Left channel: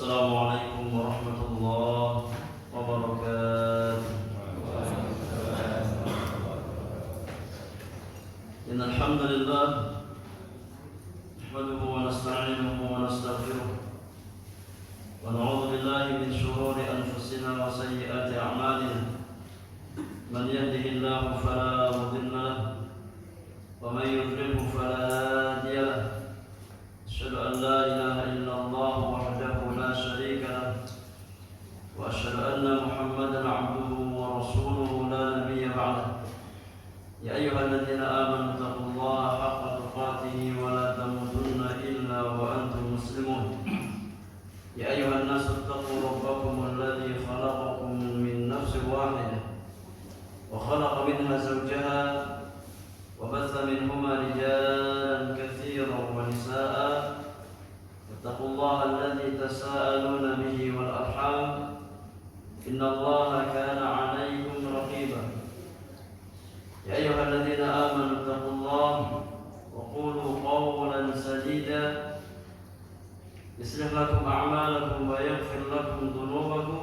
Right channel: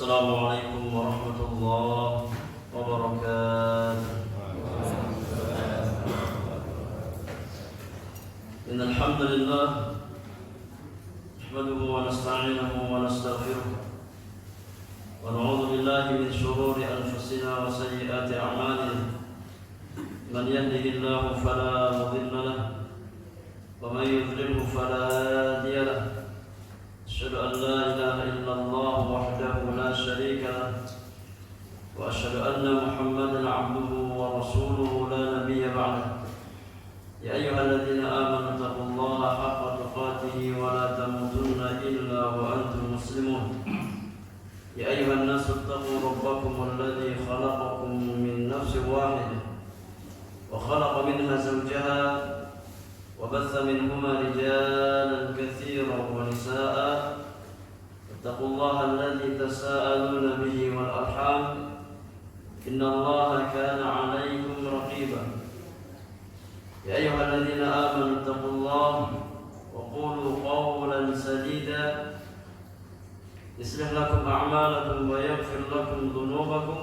السلام عليكم ورحمة الله وبركاته. إن الحمد لله نحمده ونستعينه ونستغفره ونعوذ بالله من شرور أنفسنا وسيئات أعمالنا. من يهده الله فلا مضل له ومن يضلله فلا هادي له. أشهد أن لا إله إلا الله وحده لا شريك له وأشهد أن محمدا عبده ورسوله لا نبي بعده. يا أيها الذين آمنوا اتقوا الله حق تقاته ولا تموتن إلا وأنتم مسلمون. يا أيها الناس اتقوا ربكم الذي خلقكم من نفس واحدة وخلق منها زوجها وبث منهما رجالا كثيرا ونساء. واتقوا الله الذي تساءلون به والأرحام إن الله كان عليكم رقيبا. يا أيها الذين آمنوا اتقوا الله وقولوا قولا سديدا يصلح لكم أعمالكم ويغفر لكم ذنوبكم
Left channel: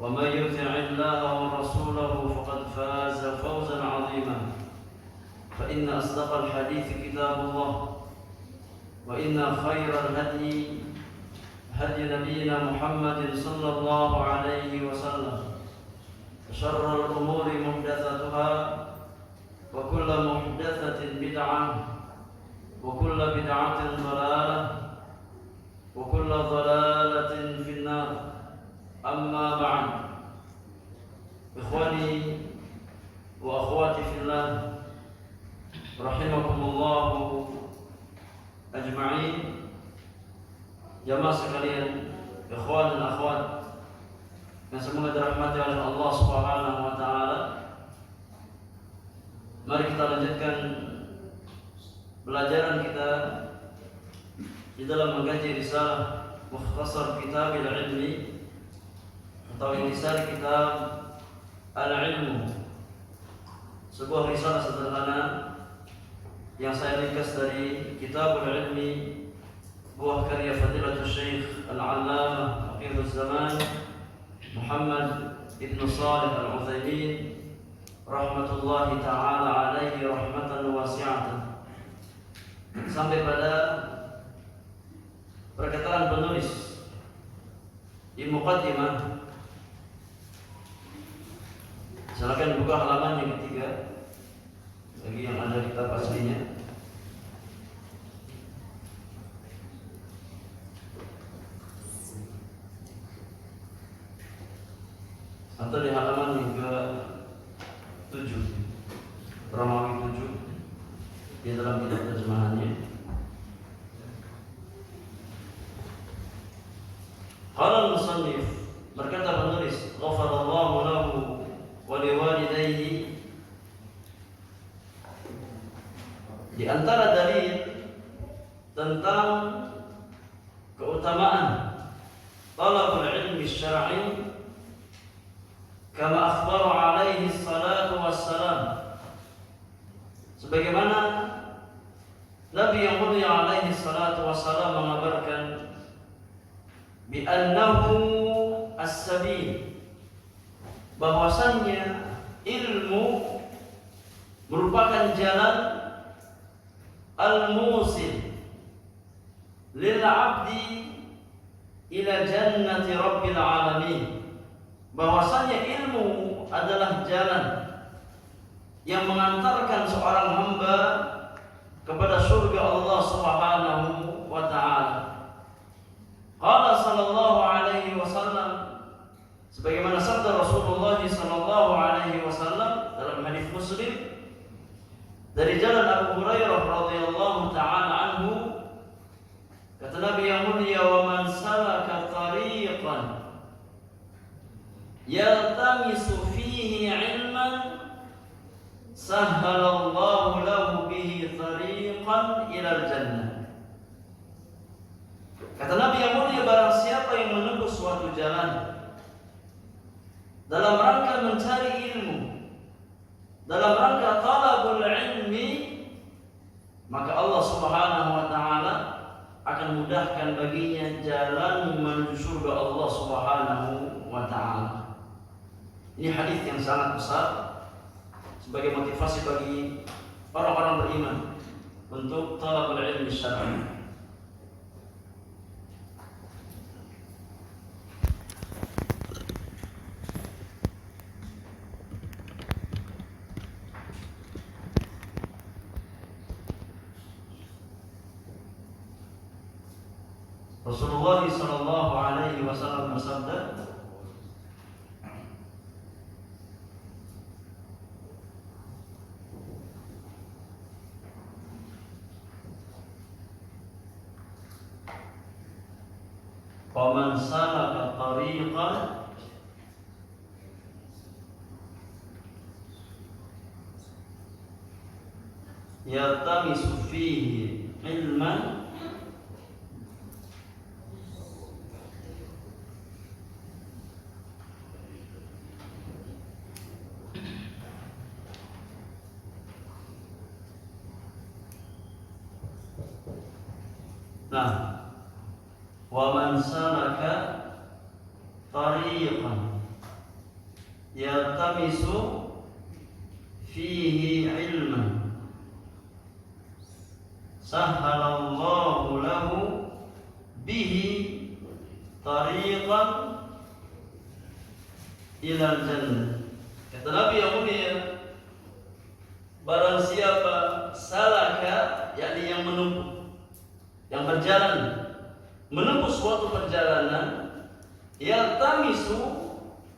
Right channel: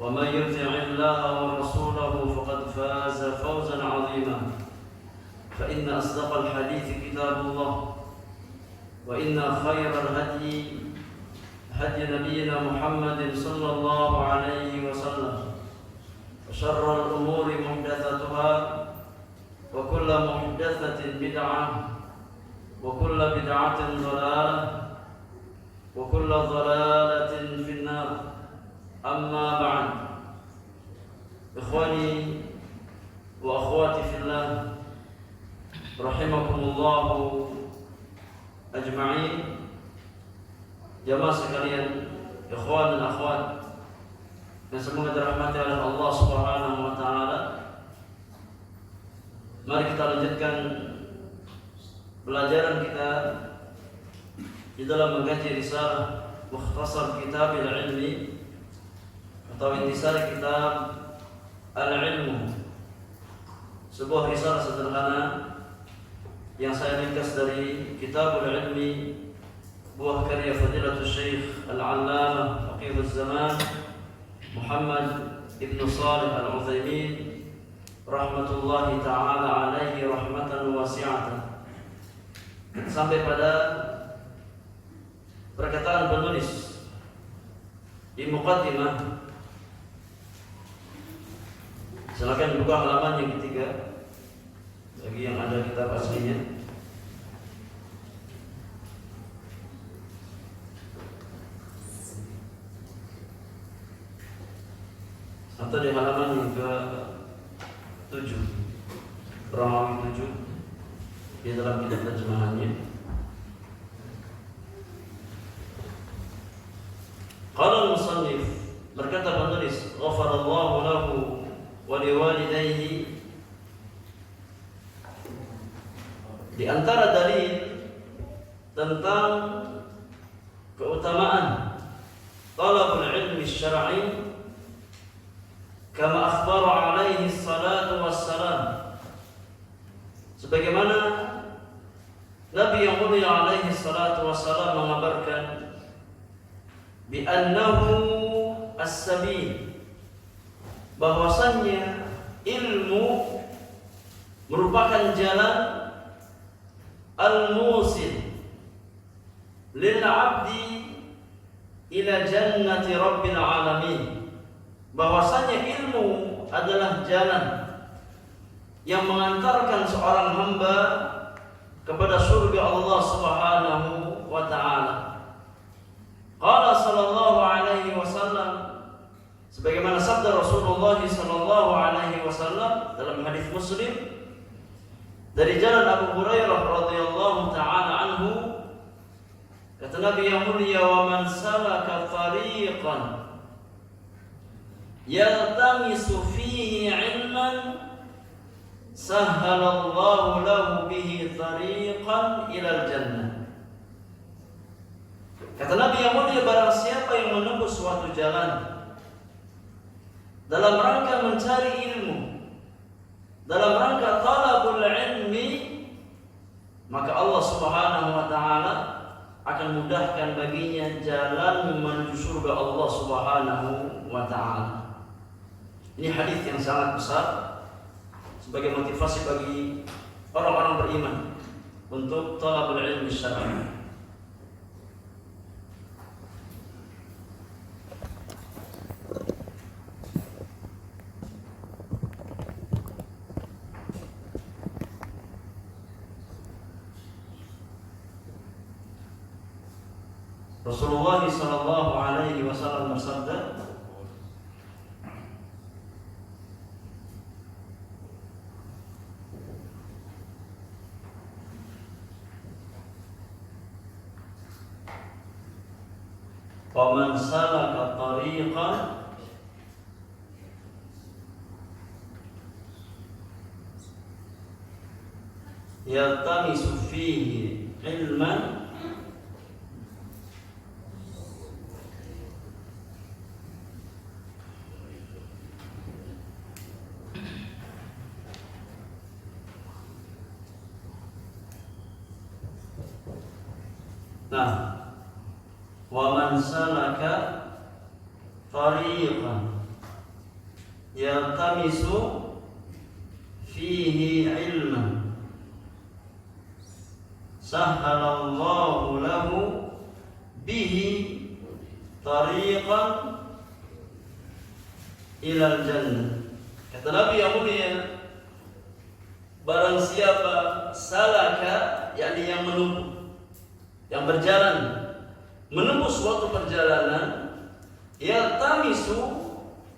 ومن يطع الله ورسوله فقد فاز فوزا عظيما. فإن أصدق الحديث كتاب الله وإن خير الهدي هدي نبينا محمد صلى الله عليه وسلم. وشر الأمور محدثاتها وكل محدثة بدعة وكل بدعة ضلالة وكل ضلالة في النار. أما بعد، إخواني وأخواتي في الله rahimakumullahu ajma'in. Jamaah sekalian, ikhwan dan akhwat yang semoga dirahmati oleh Allah Subhanahu wa taala. Mari kita lanjutkan pelajaran kita di dalam mengkaji risalah Mukhtasar Kitab al-Ilmi atau intisari kitab Al-Ilmu, sebuah risalah sederhana yang saya ringkas dari Kitabul Ilmi, buah karya Fadilatul Syekh Al-Allamah Faqihuz Zaman Muhammad Ibn Shalih Al-Utsaimin rahmatullahi ta'ala alaihi rahmatan wasi'atan. Sampai pada perkataan penulis di muqaddimah. Silakan buka halaman yang ketiga bagi yang ada kitab aslinya. Atau di halaman yang ke-7, Romawi 7 di dalam kitab terjemahannya. Qala al-musannif, berkata penulis, ghafarallahu lahu wa liwalidayhi. Di antara dalil tentang keutamaan talabul ilmi syar'i kama akhbara alaihi salatu wassalam, sebagaimana Nabi yang mulia alaihi salatu wassalam mengabarkan bi annahu as-sabil, bahwasannya ilmu merupakan jalan al-musil lil 'abdi ila jannati rabbil alamin, bahwasanya ilmu adalah jalan yang mengantarkan seorang hamba kepada surga Allah Subhanahu wa taala. Qala sallallahu alaihi wasallam, sebagaimana sabda Rasulullah sallallahu alaihi wasallam dalam hadis Muslim dari jalan Abu Hurairah radhiyallahu taala anhu, kata Nabi yang mulia, wa man salaka tariqan yaltamisu fihi ilman sahhalallahu lahu bihi tariqan ilal jannah. Kata Nabi yang mulia, barang siapa yang menempuh suatu jalan dalam rangka mencari ilmu, dalam rangka talabul ilmi, maka Allah Subhanahu wa taala akan mudahkan baginya jalan menuju surga Allah Subhanahu wa taala. Ini hadis yang sangat besar sebagai motivasi bagi orang-orang beriman untuk talabul ilmi syar'i. Rasulullah sallallahu alaihi wasallam bersabda, "Wa man salaka tariqan yaltamisu fihi ilman wa man salaka tariqan yaltamisu fihi ilman sahhalallahu lahu bihi tariqan ilal jannah." Kata Nabi yang mulia, barang siapa salaka, yakni yang menempuh, yang berjalan menempuh suatu perjalanan, yaltamisu,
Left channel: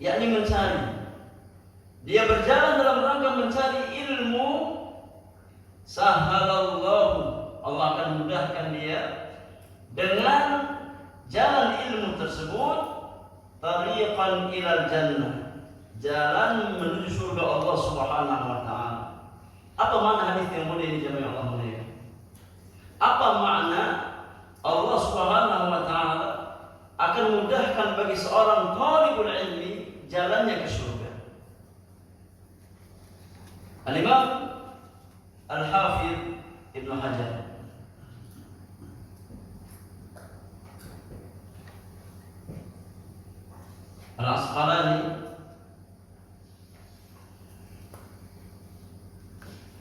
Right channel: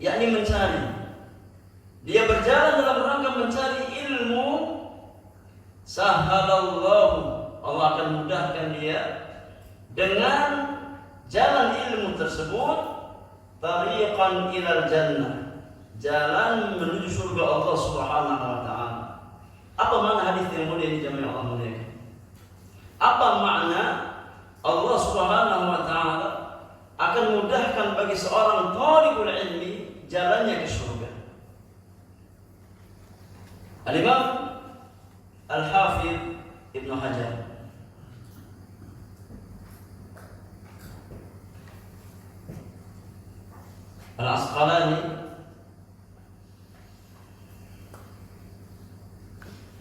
yakni mencari, dia berjalan dalam rangka mencari ilmu, sahhalallahu, Allah akan mudahkan dia dengan jalan ilmu tersebut, tariqan ilal jannah, jalan menuju surga Allah Subhanahu wa taala. Apa makna hadis yang mulia ini jemaah Allah muliakan? Apa makna Allah Subhanahu wa taala akan mudahkan bagi seorang thalibul ilmi jalannya ke surga? Al-Imam Al-Hafidz Ibnu Hajar Al-Asqalani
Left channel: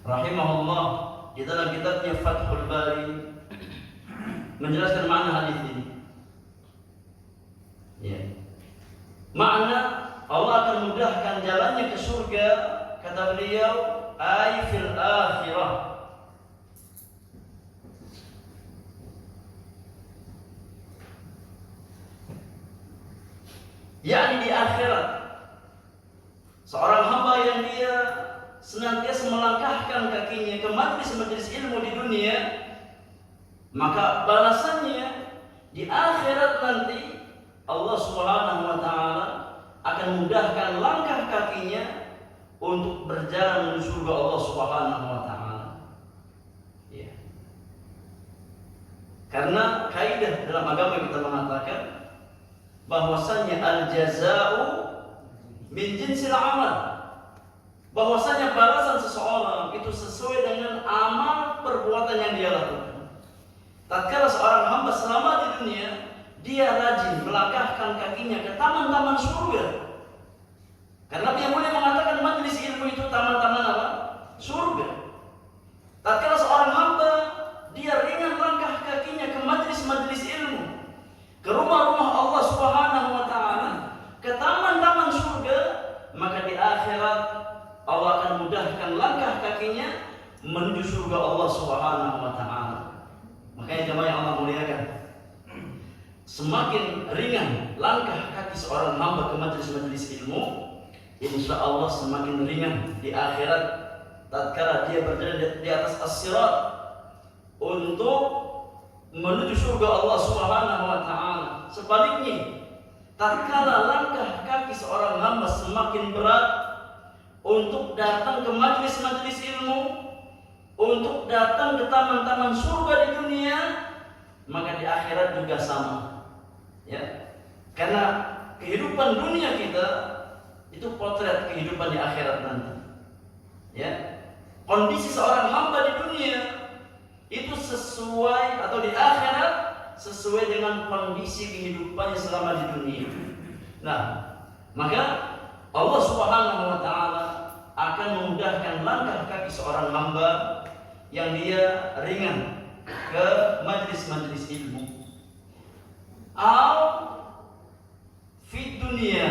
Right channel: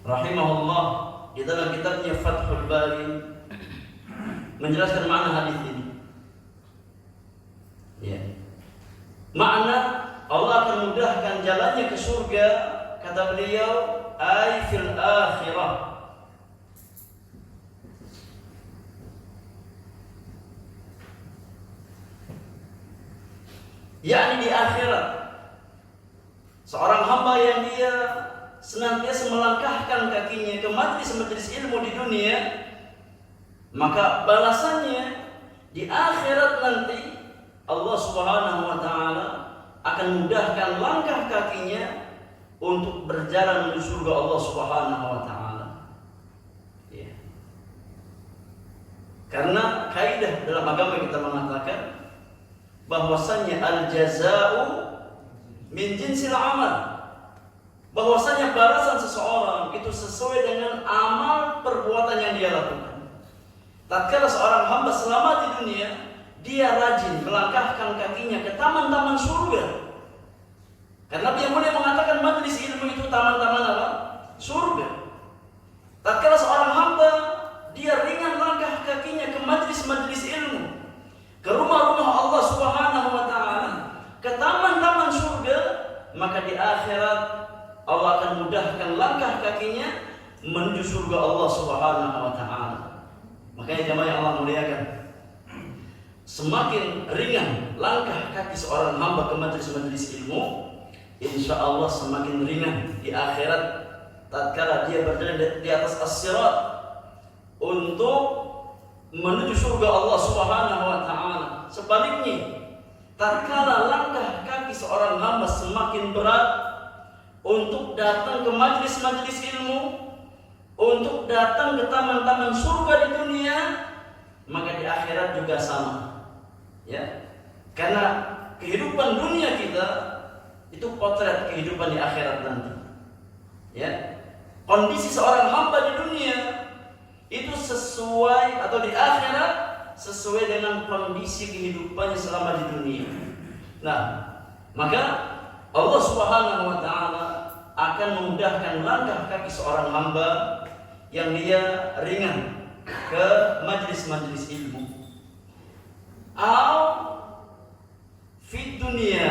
rahimahullah di dalam kitabnya Fathul Bari menjelaskan makna hadis ini. Ya. Makna Allah akan mudahkan jalannya ke surga, kata beliau, ay fil akhirah. Yakni di akhirat. Seorang hamba yang dia senantiasa melangkahkan kakinya ke majelis-majelis ilmu di dunia, maka balasannya di akhirat nanti Allah Subhanahu wa taala akan mudahkan langkah kakinya untuk berjalan menuju surga Allah Subhanahu wa taala. Ya. Karena kaidah dalam agama kita mengatakan bahwasanya al-jazaa'u min jinsil amal. Bahwasanya balasan seseorang itu sesuai dengan amal perbuatan yang dia lakukan. Tatkala seorang hamba selama di dunia dia rajin melangkahkan kakinya ke taman-taman surga. Karena Nabi yang mulia mengatakan majelis ilmu itu taman-taman apa? Surga. Tatkala seorang hamba dia ringan langkah kakinya ke majelis-majelis ilmu, ke rumah-rumah Allah Subhanahu wa taala, ke taman-taman surga, maka di akhirat Allah akan mudahkan langkah kakinya menuju surga Allah Subhanahu wa taala. Makanya jemaah yang Allah muliakan, semakin ringan langkah kaki seorang hamba ke majelis-majelis ilmu, insya Allah semakin ringan di akhirat tatkala dia berjalan di atas as-sirat untuk menuju surga Allah Subhanahu wa taala. Sebaliknya, tatkala langkah kaki seorang hamba semakin berat untuk datang ke majelis-majelis ilmu, untuk datang ke taman-taman surga di dunia, maka di akhirat juga sama. Ya. Karena kehidupan dunia kita itu potret kehidupan di akhirat nanti. Ya. Kondisi seorang hamba di dunia itu sesuai atau di akhirat sesuai dengan kondisi kehidupannya selama di dunia. Nah, maka Allah Subhanahu wa taala akan memudahkan langkah kaki seorang hamba yang dia ringan ke majlis-majlis ilmu. Fi dunia,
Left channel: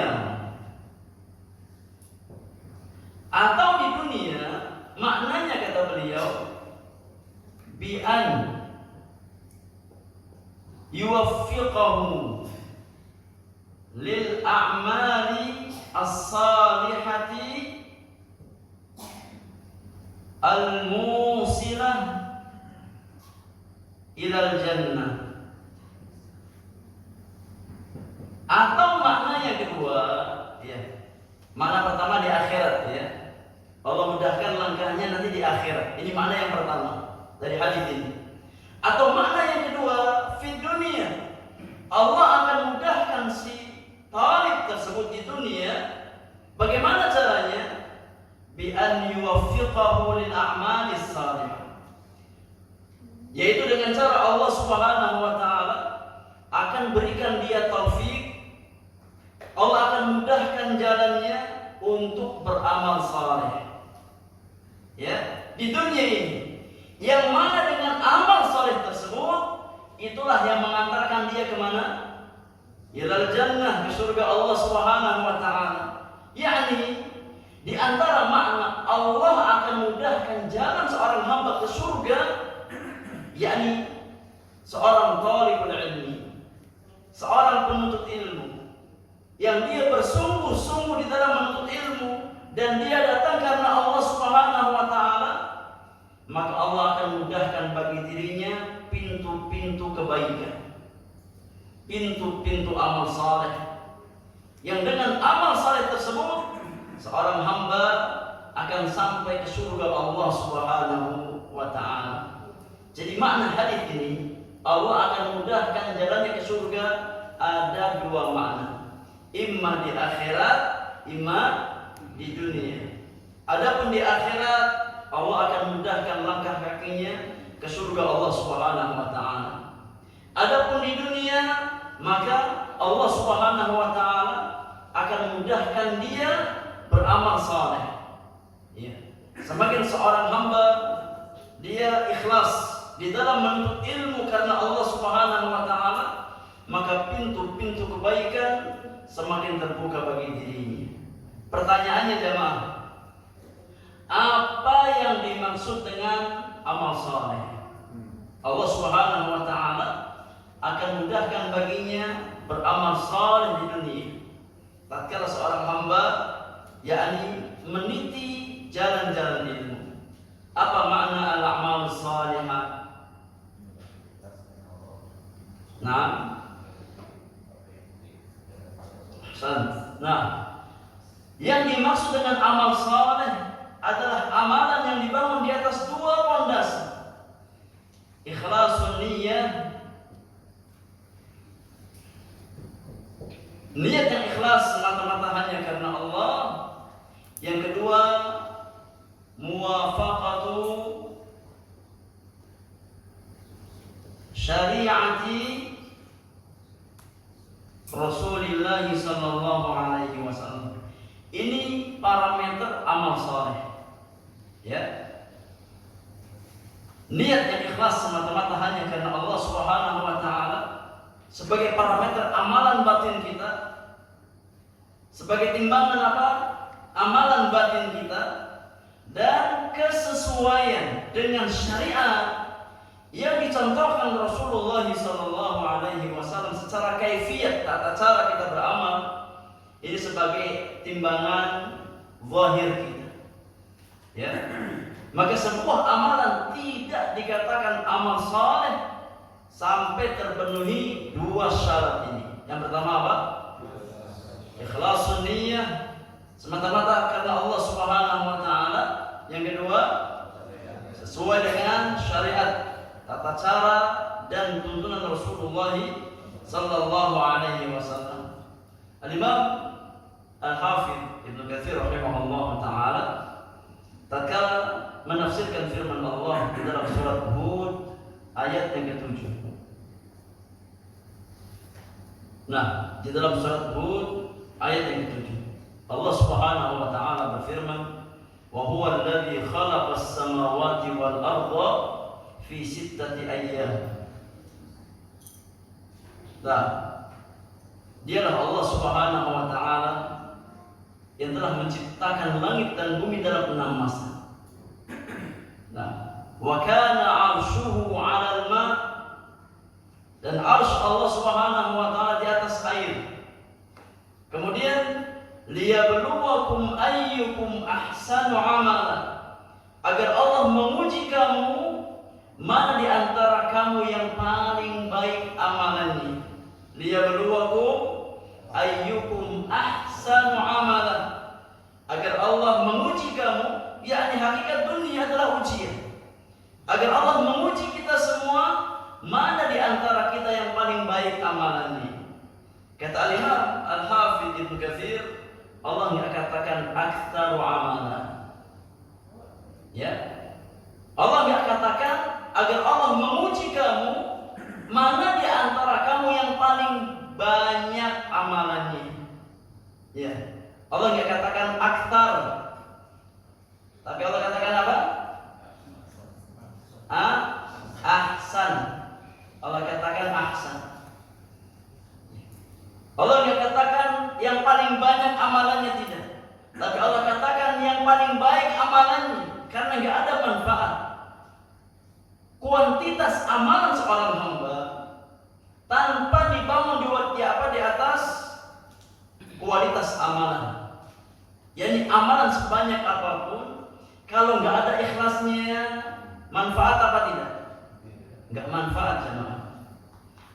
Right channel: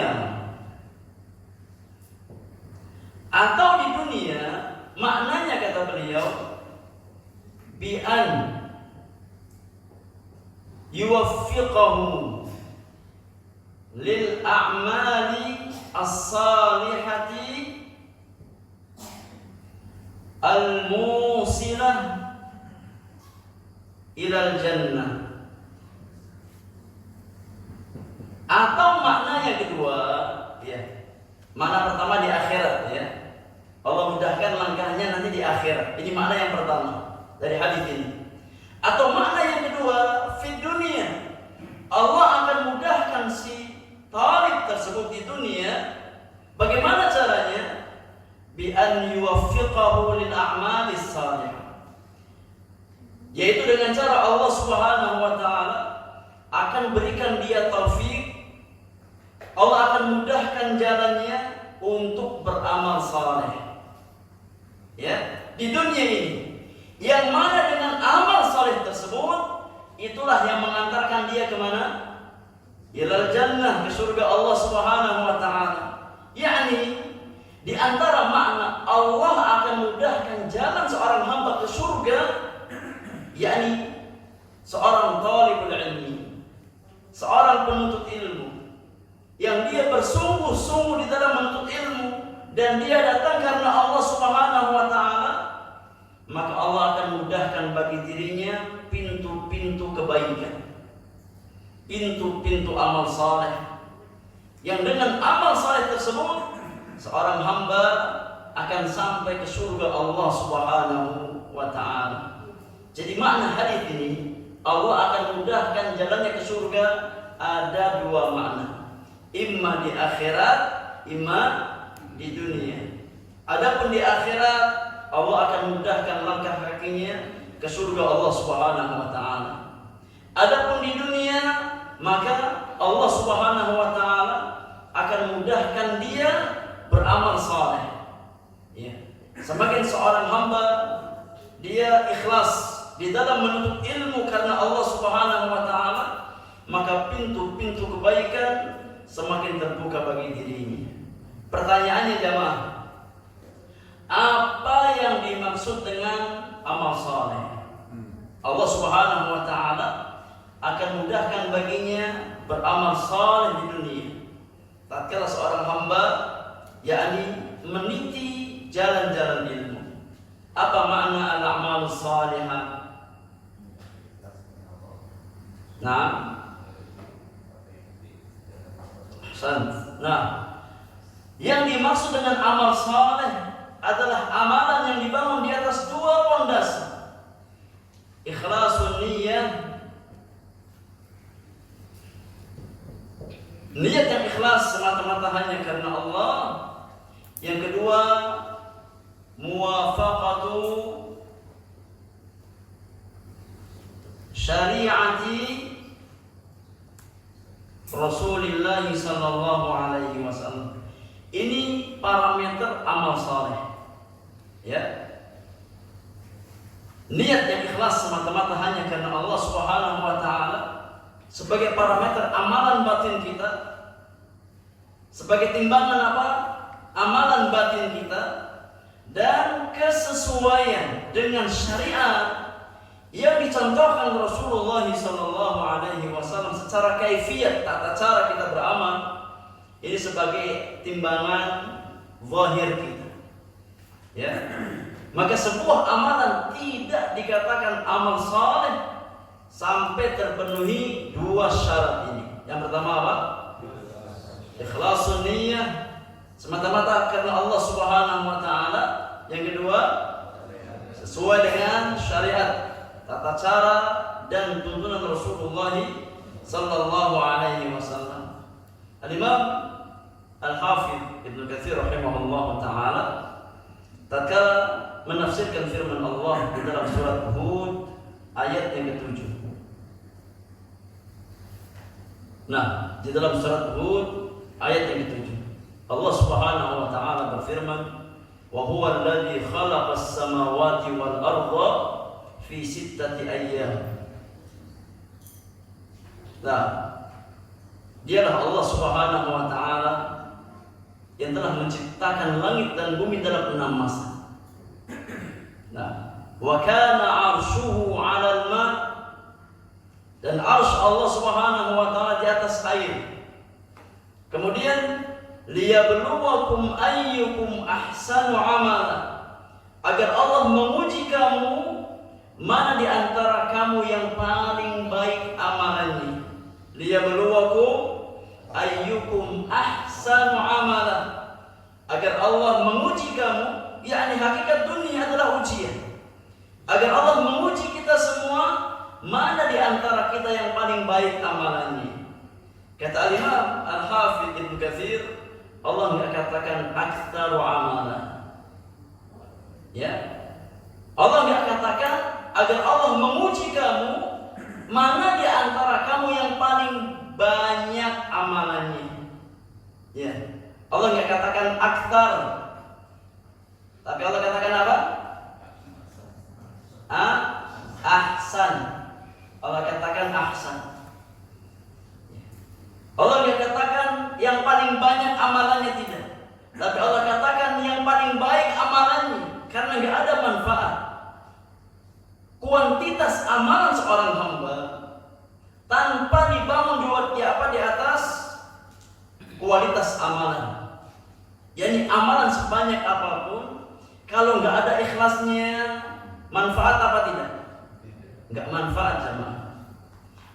atau di dunia, maknanya kata beliau bi an yuwaffiqahu lil a'mali as-salihati al-musilah ilal jannah. Atau makna yang kedua, ya. Makna pertama di akhirat, ya. Allah mudahkan langkahnya nanti di akhirat. Ini makna yang pertama dari hadis ini. Atau makna yang kedua, fi dunia. Allah akan mudahkan si talib tersebut di dunia. Bagaimana caranya? Bi an yuwaffiqahu lil a'malis salihah. Yaitu dengan cara Allah Subhanahu wa taala akan berikan dia taufik. Allah akan mudahkan jalannya untuk beramal saleh. Ya, di dunia ini. Yang mana dengan amal saleh tersebut itulah yang mengantarkan dia ke mana? Ilal jannah, ke surga Allah Subhanahu wa taala. Yakni di antara makna Allah akan mudahkan jalan seorang hamba ke surga, yakni seorang talibul ilmi, seorang penuntut ilmu yang dia bersungguh-sungguh di dalam menuntut ilmu dan dia datang karena Allah Subhanahu wa taala, maka Allah akan mudahkan bagi dirinya pintu-pintu kebaikan, pintu-pintu amal saleh, yang dengan amal saleh tersebut seorang hamba akan sampai ke surga Allah Subhanahu wa taala. Jadi makna hadis ini, Allah akan mudahkan jalannya ke surga, ada dua makna. Imma di akhirat, imma di dunia. Adapun di akhirat, Allah akan mudahkan langkah kakinya ke surga Allah Subhanahu wa taala. Adapun di dunia, maka Allah Subhanahu wa taala akan mudahkan dia beramal saleh. Ya. Semakin seorang hamba dia ikhlas di dalam menuntut ilmu karena Allah Subhanahu wa taala, maka pintu-pintu kebaikan semakin terbuka bagi dirinya. Pertanyaannya jemaah, apa yang dimaksud dengan amal saleh? Allah Subhanahu wa taala akan mudahkan baginya beramal saleh di dunia. Tatkala seorang hamba yakni meniti jalan-jalan ilmu. Apa makna al-a'malus salihah? Nah, yang dimaksud dengan amal saleh adalah amalan yang dibangun di atas dua pondasi. Ikhlasun niyyah, niat yang ikhlas semata-mata hanya karena Allah. Yang kedua, muwafaqatu syariati Rasulullah sallallahu alaihi wasallam. Ini parameter amal saleh. Ya. Niat yang ikhlas semata-mata hanya karena Allah Subhanahu wa taala sebagai parameter amalan batin kita. Sebagai timbangan apa? Amalan batin kita dan kesesuaian dengan syariat yang dicontohkan Rasulullah sallallahu alaihi wasallam secara kaifiyat, tata cara kita beramal, ini sebagai timbangan zahir kita. Ya. Maka sebuah amalan tidak dikatakan amal saleh sampai terpenuhi dua syarat ini. Yang pertama apa? Ikhlasun niyyah, semata-mata karena Allah Subhanahu wa taala. Yang kedua, sesuai dengan syariat, tata cara dan tuntunan Rasulullah sallallahu alaihi wasallam. Al-Imam Al-Hafidz Ibnu Katsir rahimahullah taala tatkala menafsirkan firman Allah di dalam surat Hud ayat yang ke-7. Nah, di dalam surat Hud ayat yang ke-7, Allah Subhanahu wa taala berfirman, "Wa huwa alladzi khalaqas samawati wal arda fi sittati ayyam." Nah, dialah Allah Subhanahu wa taala yang telah menciptakan langit dan bumi dalam 6 masa. Nah, wa kana 'arshuhu 'alal ma', dan arsy Allah Subhanahu wa taala di atas air. Kemudian liyabluwakum ayyukum ahsanu 'amala, agar Allah menguji kamu mana di antara kamu yang paling baik amalannya. Liyabluwakum ayyukum ahsanu 'amala, agar Allah menguji kamu, yakni hakikat dunia adalah ujian. Agar Allah menguji kita semua, mana di antara kita yang paling baik amalannya. Kata Al-Imam Al-Hafidz Ibnu Katsir, Allah enggak katakan aktsaru amala. Ya. Allah enggak katakan agar Allah menguji kamu, mana di antara kamu yang paling banyak amalannya. Ya. Allah enggak katakan aktsar. Tapi Allah katakan apa? Ahsan. Allah katakan ahsan. Allah enggak katakan yang paling banyak amalannya, tidak. Tapi Allah katakan yang paling baik amalannya, karena enggak ada manfaat. Kuantitas amalan seorang hamba tanpa dibangun di atas kualitas amalan. Yani amalan sebanyak apapun, kalau enggak ada ikhlasnya, manfaat apa tidak? Enggak manfaat, jemaah.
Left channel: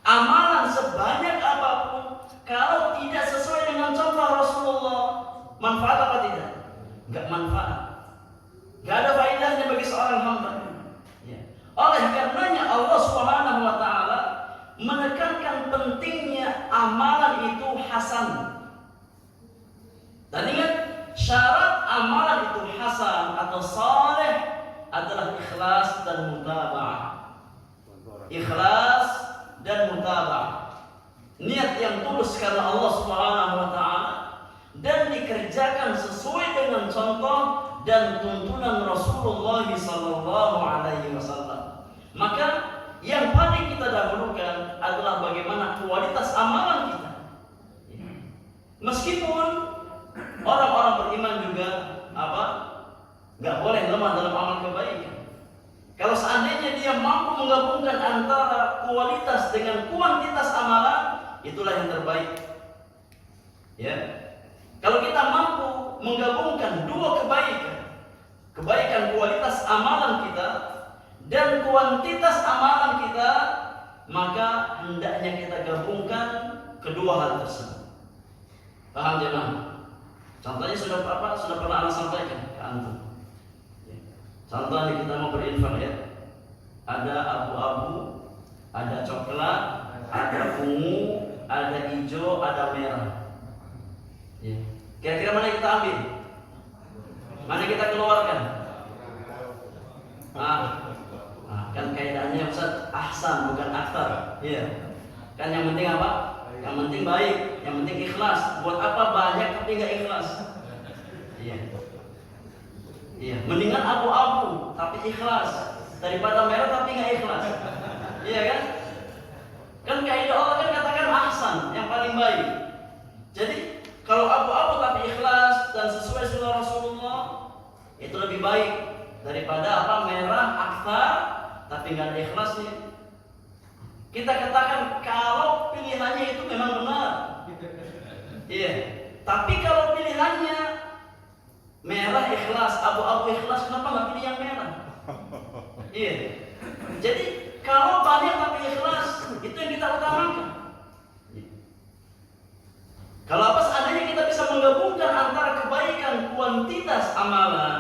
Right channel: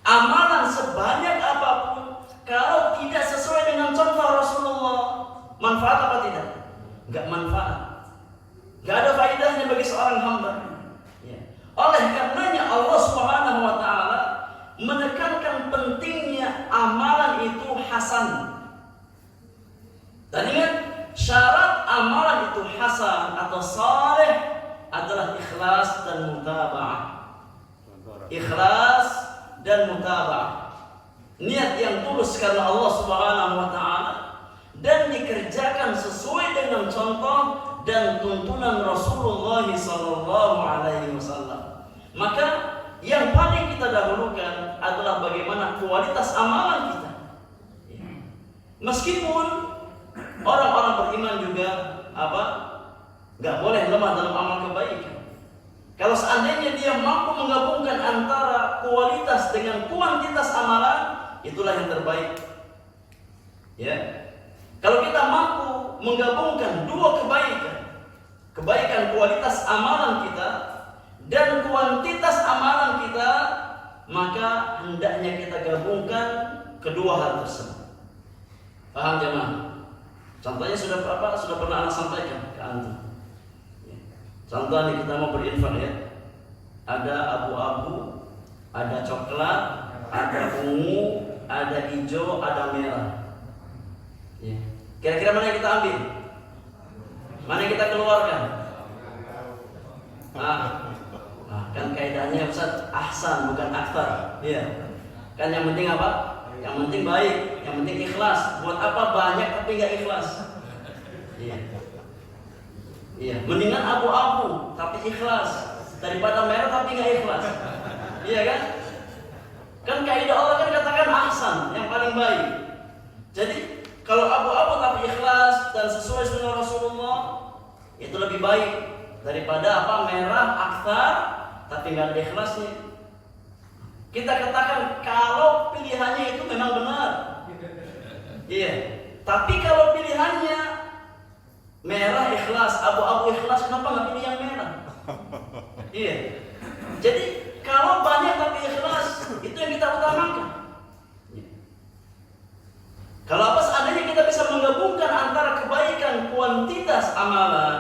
Amalan sebanyak apapun, kalau tidak sesuai dengan contoh Rasulullah, manfaat apa tidak? Enggak manfaat. Enggak ada faedahnya bagi seorang hamba. Ya. Oleh karenanya Allah Subhanahu wa taala menekankan pentingnya amalan itu hasan. Dan ingat, syarat amalan itu hasan atau saleh adalah ikhlas dan mutaba'ah. Ikhlas dan mutaba'ah. Niat yang tulus karena Allah Subhanahu wa taala dan dikerjakan sesuai dengan contoh dan tuntunan Rasulullah sallallahu alaihi wasallam. Maka yang paling kita dahulukan adalah bagaimana kualitas amalan kita. Meskipun orang-orang beriman juga nggak boleh lemah dalam amal kebaikan. Kalau seandainya dia mampu menggabungkan antara kualitas dengan kuantitas amalan, itulah yang terbaik. Ya. Kalau kita mampu menggabungkan dua kebaikan kualitas amalan kita dan kuantitas amalan kita, maka hendaknya kita gabungkan kedua hal tersebut. Paham jemaah? Contohnya sudah pernah Anda sampaikan ke antum. Contohnya kita mau berinfak, ya. Ada abu-abu, ada coklat, ada ungu, ada hijau, ada merah. Ya. Kira-kira mana yang kita ambil? Mana yang kita keluarkan? Kan kaidahnya Ustaz, ahsan bukan aktsar. Iya. Kan yang penting apa? Yang penting baik, yang penting ikhlas. Buat apa banyak tapi enggak ikhlas? Iya. Iya, mendingan abu-abu tapi ikhlas daripada merah tapi enggak ikhlas. Iya kan? Kan kaidah Allah kan katakan ahsan, yang paling baik. Jadi kalau abu-abu tapi ikhlas dan sesuai sunnah Rasulullah, itu lebih baik daripada merah aktsar tapi enggak ada ikhlasnya. Kita katakan kalau pilihannya itu memang benar. Iya. Tapi kalau pilihannya merah ikhlas, abu-abu ikhlas, kenapa nggak pilih yang merah? Iya. Jadi kalau banyak tapi ikhlas, itu yang kita utamakan. Kalau seandainya kita bisa menggabungkan antara kebaikan kuantitas amalan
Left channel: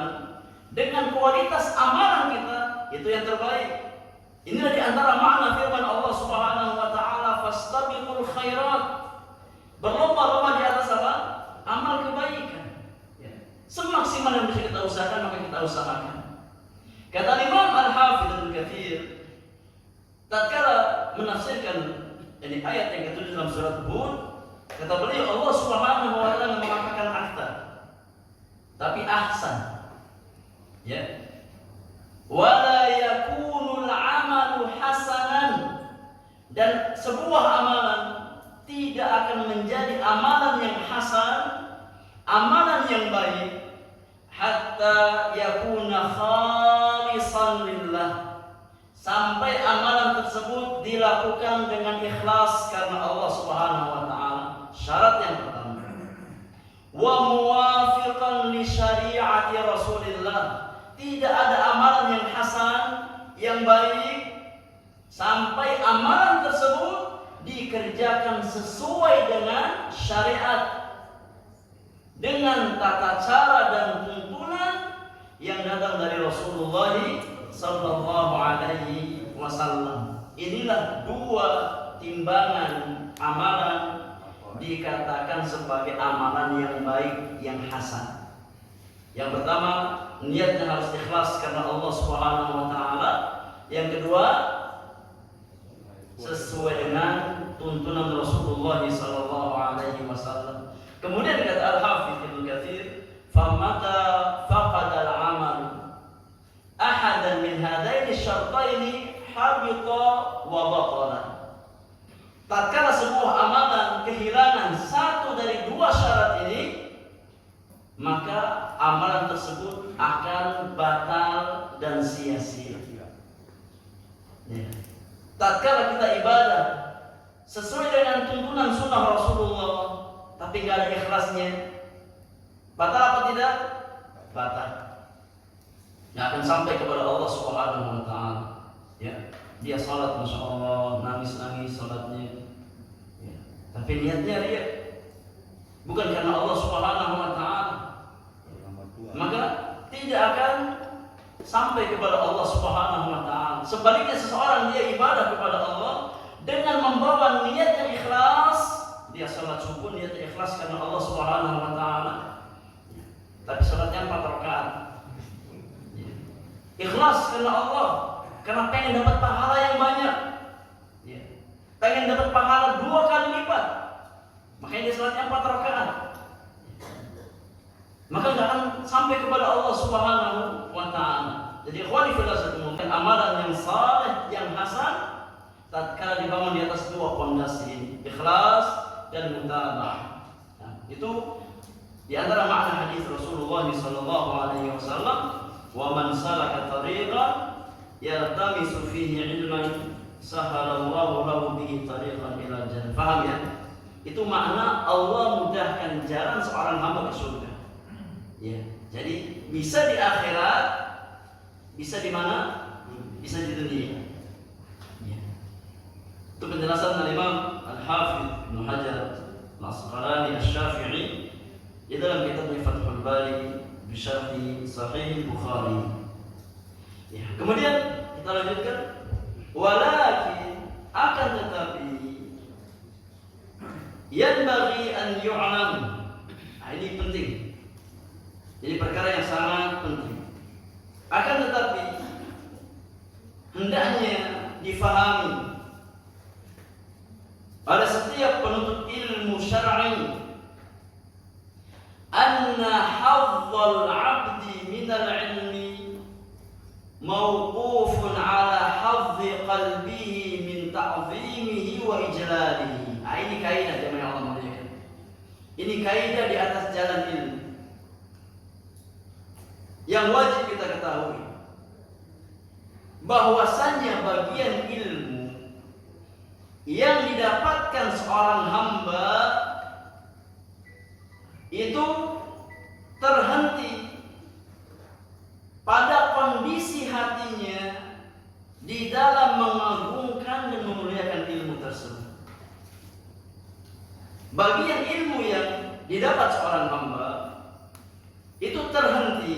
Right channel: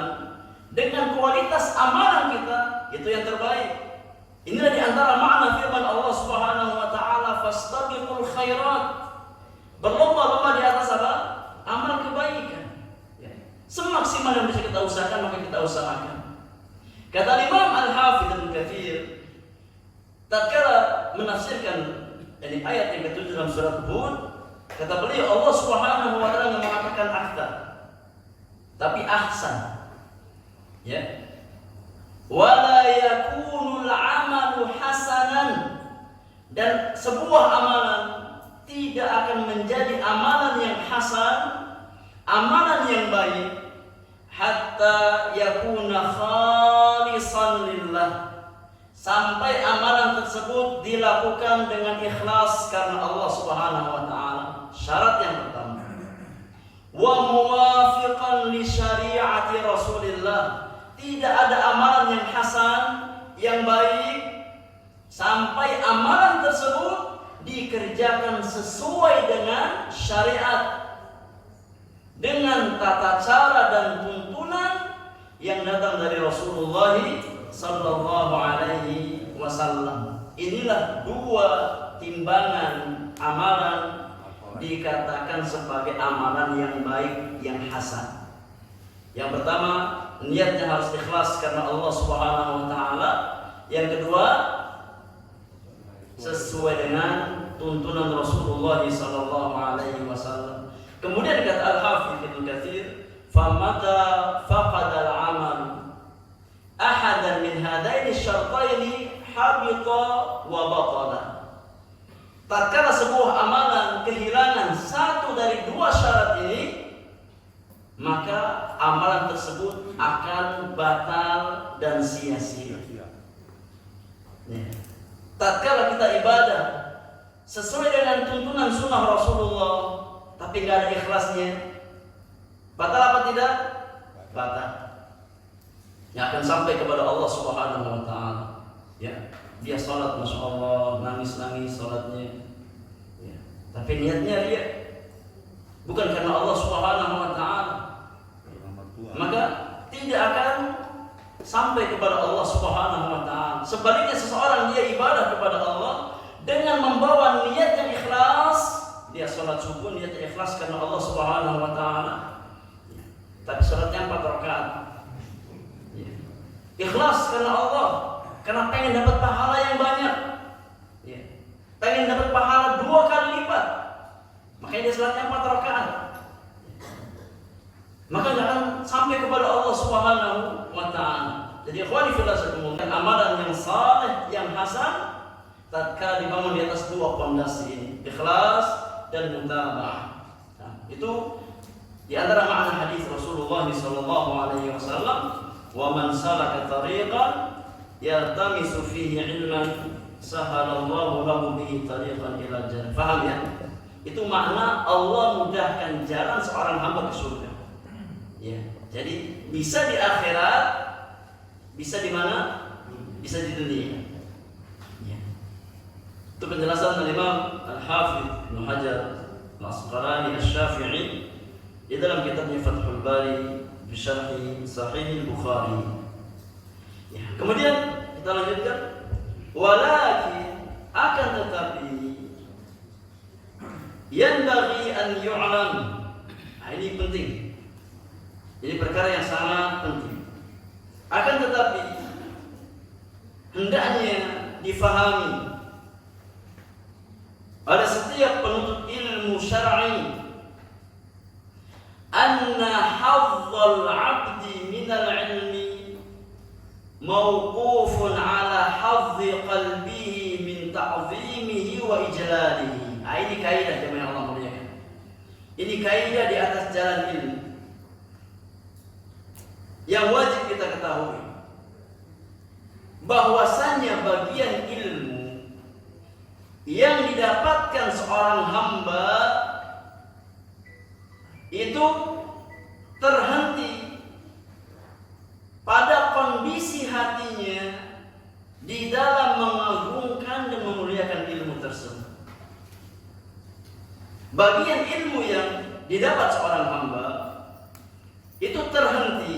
dengan kualitas amalan kita, itu yang terbaik. Inilah di antara makna firman Allah Subhanahu wa taala, fastabiqul khairat. Berlomba-lomba di atas apa? Amal kebaikan. Ya. Semaksimal yang bisa kita usahakan, maka kita usahakan. Kata Imam Al-Hafidz Ibnu Katsir tatkala menafsirkan Ini ayat yang ke-7 dalam surat Hud. Kata beliau, Allah Subhanahu wa taala mengatakan ahsan, tapi ahsan. Ya. Wala yakunul amalu hasanan, dan sebuah amalan tidak akan menjadi amalan yang hasan, amalan yang baik, hatta yakuna khalisan lillah, sampai amalan tersebut dilakukan dengan ikhlas karena Allah Subhanahu wa taala. Syarat yang pertama, wa muwafiqan li syari'ati Rasulillah. Tidak ada amalan yang hasan, yang baik, sampai amalan tersebut dikerjakan sesuai dengan syariat, dengan tata cara dan tuntunan yang datang dari Rasulullah sallallahu alaihi wasallam. Inilah dua timbangan amalan dikatakan sebagai amalan yang baik, yang hasan. Yang pertama, niatnya harus ikhlas karena Allah Subhanahu wa taala. Yang kedua, sesuai dengan tuntunan Rasulullah sallallahu alaihi wasallam. Kemudian kata Al-Hafidz Ibnu Katsir, "Famata faqada al-amal ahadan min hadaini syartaini habita wa batala." Tatkala sebuah amalan kehilangan satu dari dua syarat ini, maka amalan tersebut akan batal dan sia-sia. Ya. Tatkala kita ibadah sesuai dengan tuntunan sunnah Rasulullah, tapi nggak ada ikhlasnya, batal apa tidak? Batal. Yang akan sampai kepada Allah Subhanahu wa taala. Ya, dia salat masya Allah, nangis-nangis salatnya. Ya. Tapi niatnya dia bukan karena Allah Subhanahu wa taala, maka tidak akan sampai kepada Allah Subhanahu wa taala. Sebaliknya, seseorang dia ibadah kepada Allah dengan membawa niat yang ikhlas, dia salat subuh niatnya ikhlas karena Allah Subhanahu wa taala. Tapi salatnya 4 rakaat. Ikhlas karena Allah, karena pengen dapat pahala yang banyak. Pengen dapat pahala 2 kali lipat. Makanya dia salatnya 4 rakaat. Maka tidak akan sampai kepada Allah Subhanahu wa taala. Jadi ikhwani fillah, amalan yang saleh, yang hasan, tatkala dibangun di atas 2 pondasi ini, ikhlas dan mutaba'ah. Nah, itu di antara makna hadis Rasulullah sallallahu alaihi wasallam, "Wa man salaka tariqan yaltamisu fihi ilman sahalallahu lahu bihi tariqan ila jannah." Paham ya? Itu makna Allah mudahkan jalan seorang hamba ke surga. Ya, jadi bisa di akhirat, bisa di mana? Bisa di dunia. Ya. Itu penjelasan dari Imam Al-Hafidz Ibnu Hajar Al-Asqalani Asy-Syafi'i di dalam kitabnya Fathul Bari bi Syarhi Sahih Bukhari. Ya. Kemudian kita lanjutkan, walakin akan tetapi yanbaghi an yu'lam. Nah, ini penting. Ini perkara yang sangat penting. Akan tetapi hendaknya difahami oleh setiap penuntut ilmu syar'i, anna hazzal 'abdi minal ilmi mawqufun 'ala hazzi qalbihi min ta'zimihi wa ijlalihi. Nah, ini kaidah jemaah Allah muliakan. Ini kaidah di atas jalan ilmu yang wajib kita ketahui, bahwasannya bagian ilmu yang didapatkan seorang hamba itu terhenti pada kondisi hatinya di dalam mengagungkan dan memuliakan ilmu tersebut. Bagian ilmu yang didapat seorang hamba itu terhenti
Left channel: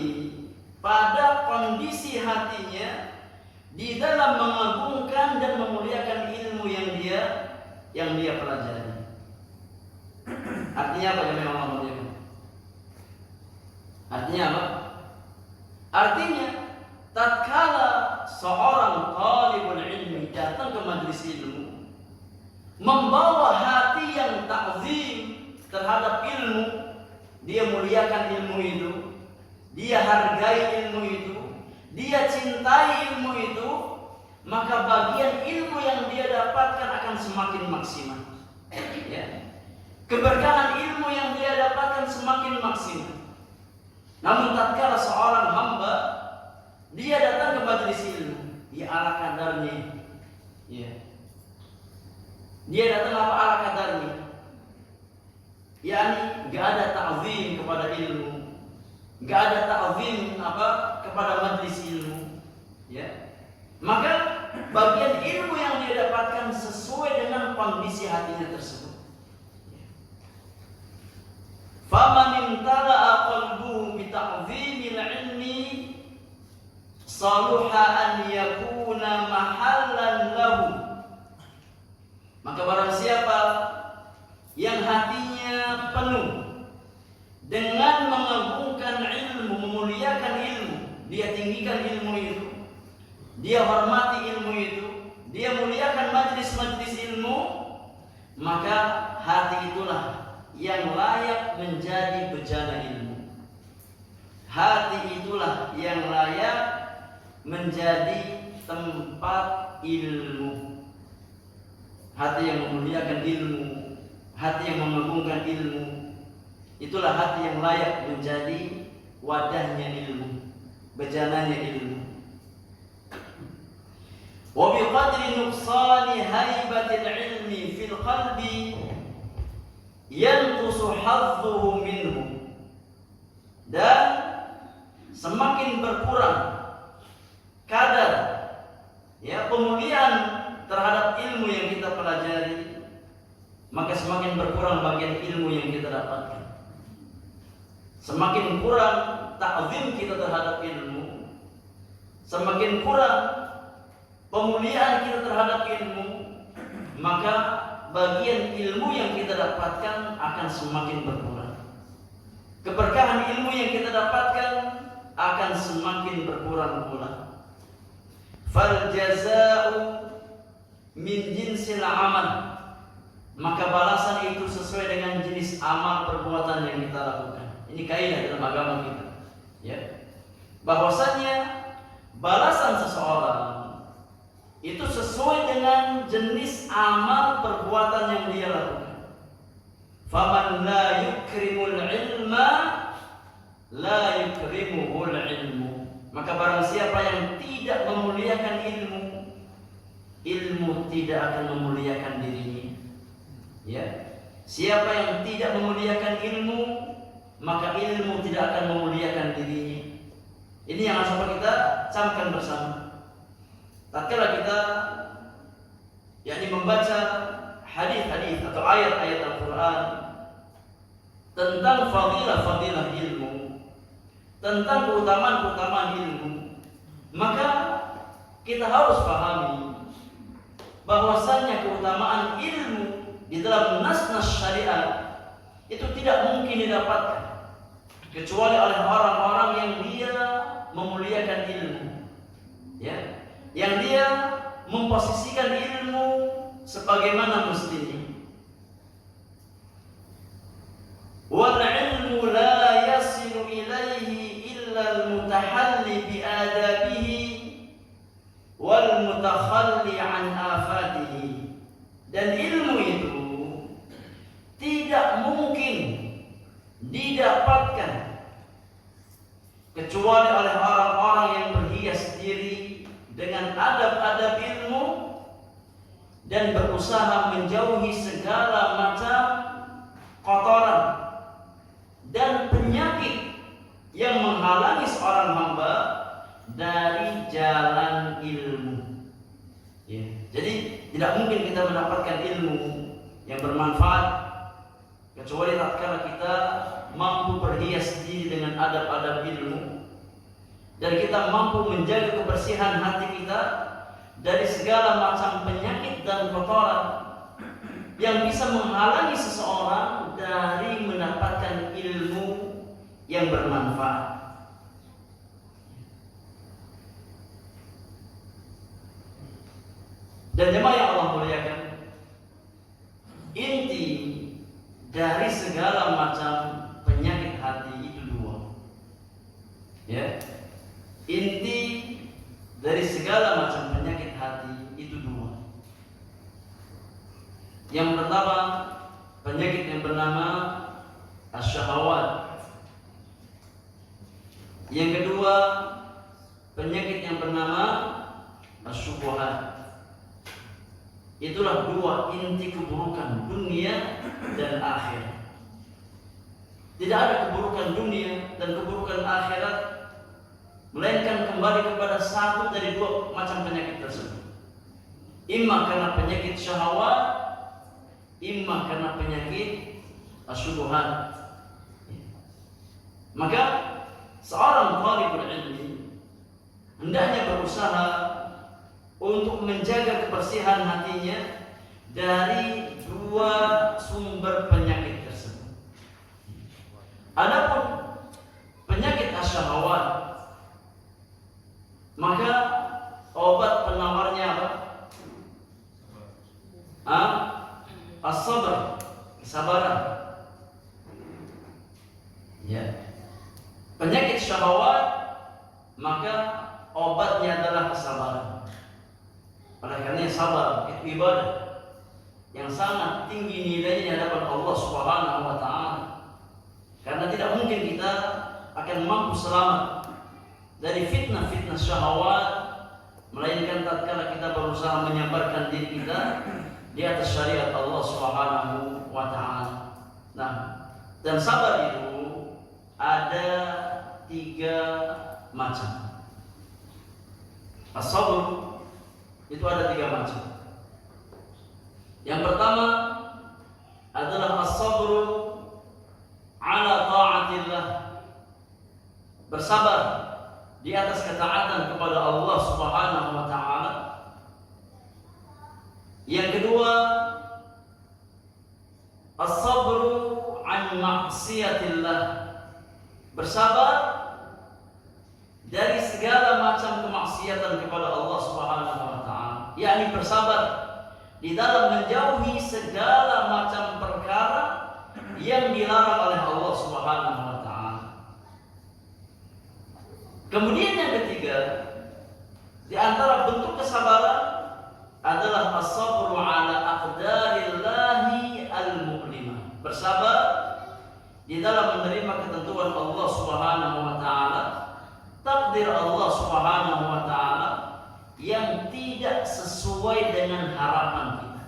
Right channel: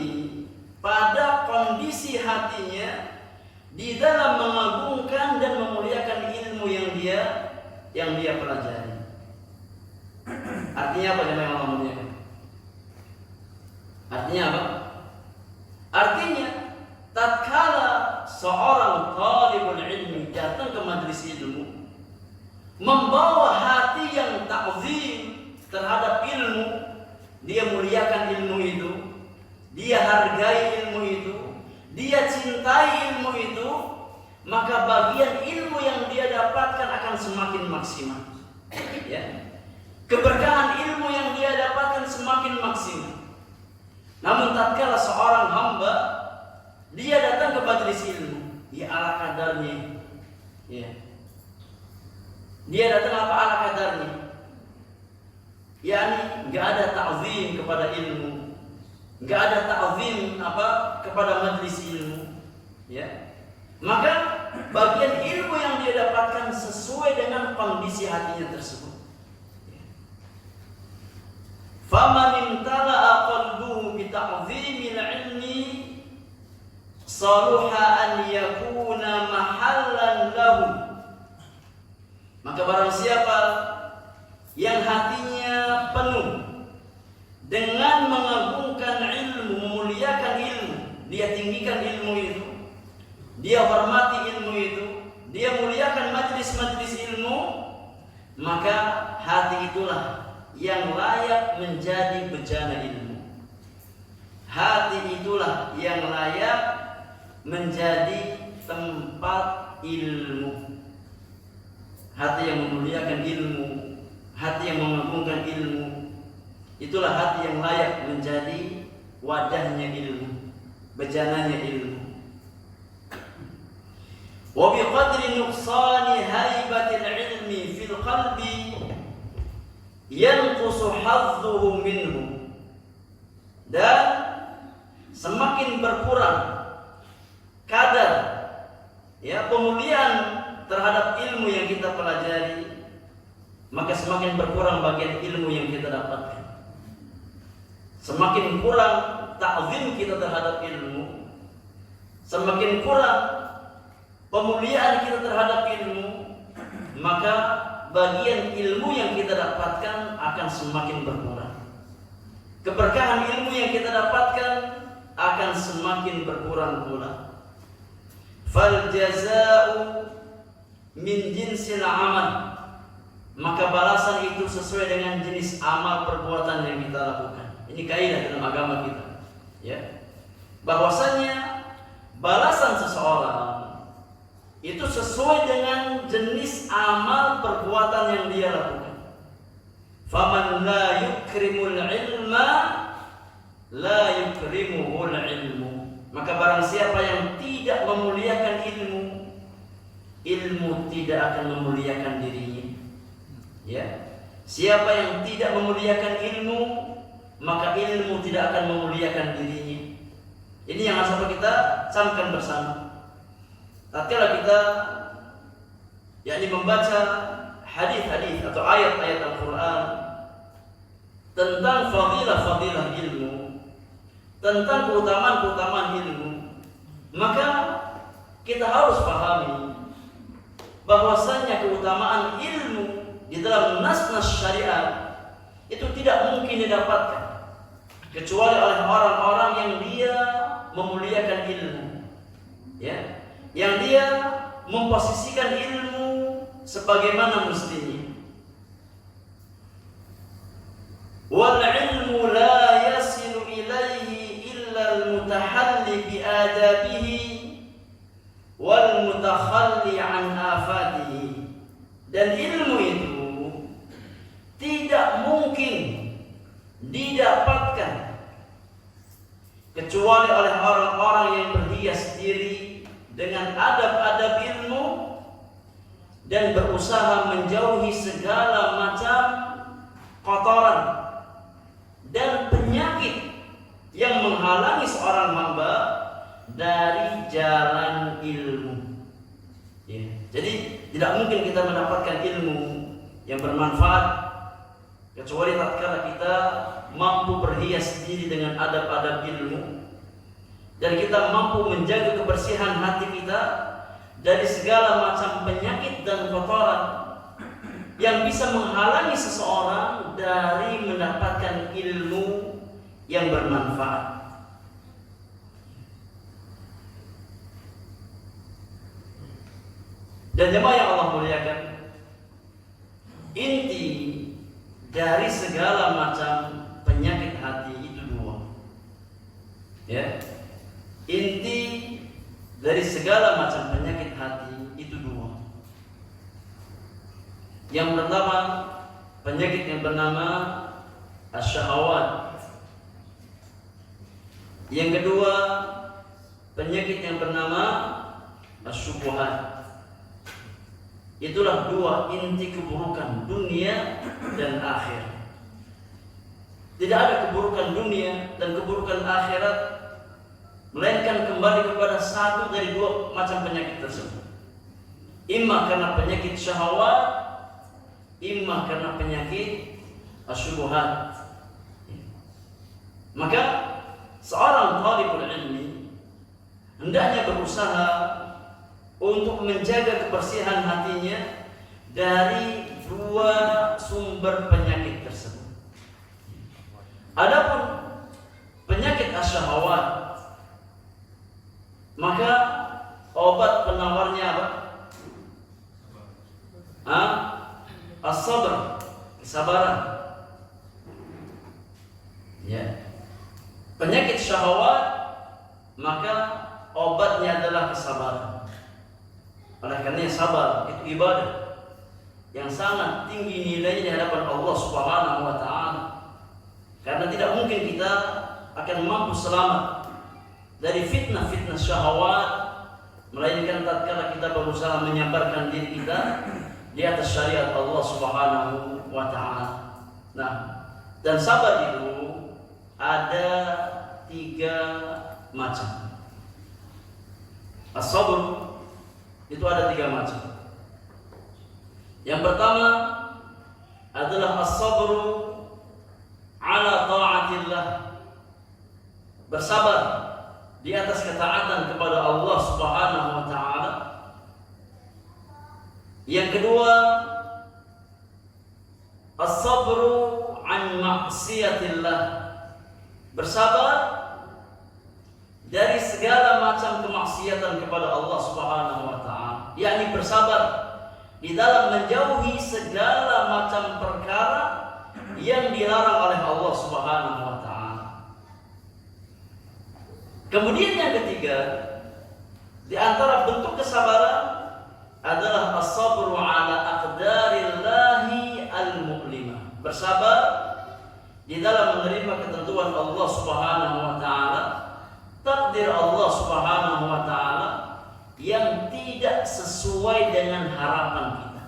pada kondisi hatinya di dalam mengagungkan dan memuliakan ilmu yang dia pelajari. Artinya apa yang Allah muliakan? Artinya apa? Artinya tatkala seorang talibul ilmi datang ke majelis ilmu, membawa hati yang ta'zim terhadap ilmu, dia muliakan ilmu itu, dia hargai ilmu itu, dia cintai ilmu itu, maka bagian ilmu yang dia dapatkan akan semakin maksimal. Ya. Keberkahan ilmu yang dia dapatkan semakin maksimal. Namun tatkala seorang hamba dia datang ke majelis ilmu, dia ala kadarnya. Ya. Dia datang apa ala kadarnya? Yani enggak ada ta'zim kepada ilmu, enggak ada ta'zim kepada majelis ilmu, ya. Maka bagian ilmu yang dia dapatkan sesuai dengan kondisi hatinya tersebut. Faman imtala'a qalbuhu bi ta'zimil ilmi saluha an yakuna mahallan lahu. Maka barang siapa yang hatinya penuh dengan mengagungkan ilmu, memuliakan ilmu, dia tinggikan ilmu itu, dia hormati ilmu itu, dia muliakan majlis-majlis ilmu, maka hati itulah yang layak menjadi bejana ilmu. Hati itulah yang layak menjadi tempat ilmu. Hati yang memuliakan ilmu, hati yang mengagungkan ilmu, itulah hati yang layak menjadi wadahnya ilmu, bejananya ilmu. Wa bi qadri nuqsani haibatil ilmi fil qalbi yanqusu hadduhu minhu. Dan semakin berkurang kadar pemuliaan terhadap ilmu yang kita pelajari, maka semakin berkurang bagian ilmu yang kita dapatkan. Semakin kurang ta'zim kita terhadap ilmu, semakin kurang pemuliaan kita terhadap ilmu, maka bagian ilmu yang kita dapatkan akan semakin berkurang. Keberkahan ilmu yang kita dapatkan akan semakin berkurang pula. Fal jaza'u min jinsil amal, maka balasan itu sesuai dengan jenis amal perbuatan yang kita lakukan. Ini kaidah dalam agama kita, ya. Bahwasanya balasan seseorang itu sesuai dengan jenis amal perbuatan yang dia lakukan. Faman la yukrimul ilma la yukrimuhul ilmu. Maka barang siapa yang tidak memuliakan ilmu, ilmu tidak akan memuliakan dirinya. Ya. Siapa yang tidak memuliakan ilmu, maka ilmu tidak akan memuliakan dirinya. Ini yang harus kita camkan bersama. Tatkala kita membaca hadis-hadis atau ayat-ayat Al-Qur'an tentang fadilah-fadilah ilmu, tentang keutamaan-keutamaan ilmu, maka kita harus pahami bahwasanya keutamaan ilmu di dalam nas-nas syariat itu tidak mungkin didapatkan kecuali oleh orang-orang yang dia memuliakan ilmu, ya, yang dia memposisikan ilmu sebagaimana mestinya. Wal ilmu la yasilu ilaihi illa al-mutahalli bi adabihi wal mutakhalli an afatihi. Dan ilmu itu tidak mungkin didapatkan kecuali oleh orang-orang yang berhias diri dengan adab-adab ilmu dan berusaha menjauhi segala macam kotoran dan penyakit yang menghalangi seorang hamba dari jalan ilmu. Ya. Jadi tidak mungkin kita mendapatkan ilmu yang bermanfaat kecuali tatkala kita mampu berhias diri dengan adab-adab ilmu dan kita mampu menjaga kebersihan hati kita dari segala macam penyakit dan kotoran yang bisa menghalangi seseorang dari mendapatkan ilmu yang bermanfaat. Dan jemaah yang Allah muliakan, inti dari segala macam penyakit hati itu dua. Ya. Inti dari segala macam penyakit hati itu dua. Yang pertama, penyakit yang bernama asyahawat. Yang kedua, penyakit yang bernama asyubuhat. Itulah dua inti keburukan dunia dan akhirat. Tidak ada keburukan dunia dan keburukan akhirat melainkan kembali kepada satu dari dua macam penyakit tersebut. Imma karena penyakit syahwat, imma karena penyakit asyubuhat. Maka seorang talibul ilmi hendaknya berusaha untuk menjaga kebersihan hatinya dari dua sumber penyakit tersebut. Adapun penyakit asyahwat, maka obat penawarnya apa? As-sabr, kesabaran. Ya. Penyakit syahwat, maka obatnya adalah kesabaran. Oleh karena sabar itu ibadah yang sangat tinggi nilainya di hadapan Allah Subhanahu wa taala. Karena tidak mungkin kita akan mampu selamat dari fitnah-fitnah syahwat melainkan tatkala kita berusaha menyabarkan diri kita di atas syariat Allah Subhanahu wa taala. Nah, dan sabar itu ada 3 macam. As-sabr itu ada 3 macam. Yang pertama adalah as-sabru ala ta'atillah, bersabar di atas ketaatan kepada Allah Subhanahu wa taala. Yang kedua, as-sabru an maksiatillah, bersabar dari segala macam kemaksiatan kepada Allah Subhanahu wa taala, yakni bersabar di dalam menjauhi segala macam perkara yang dilarang oleh Allah Subhanahu wa taala. Kemudian yang ketiga, di antara bentuk kesabaran adalah as-sabru ala aqdarillahi al-mu'limah, bersabar di dalam menerima ketentuan Allah Subhanahu wa taala, takdir Allah Subhanahu wa taala yang tidak sesuai dengan harapan kita.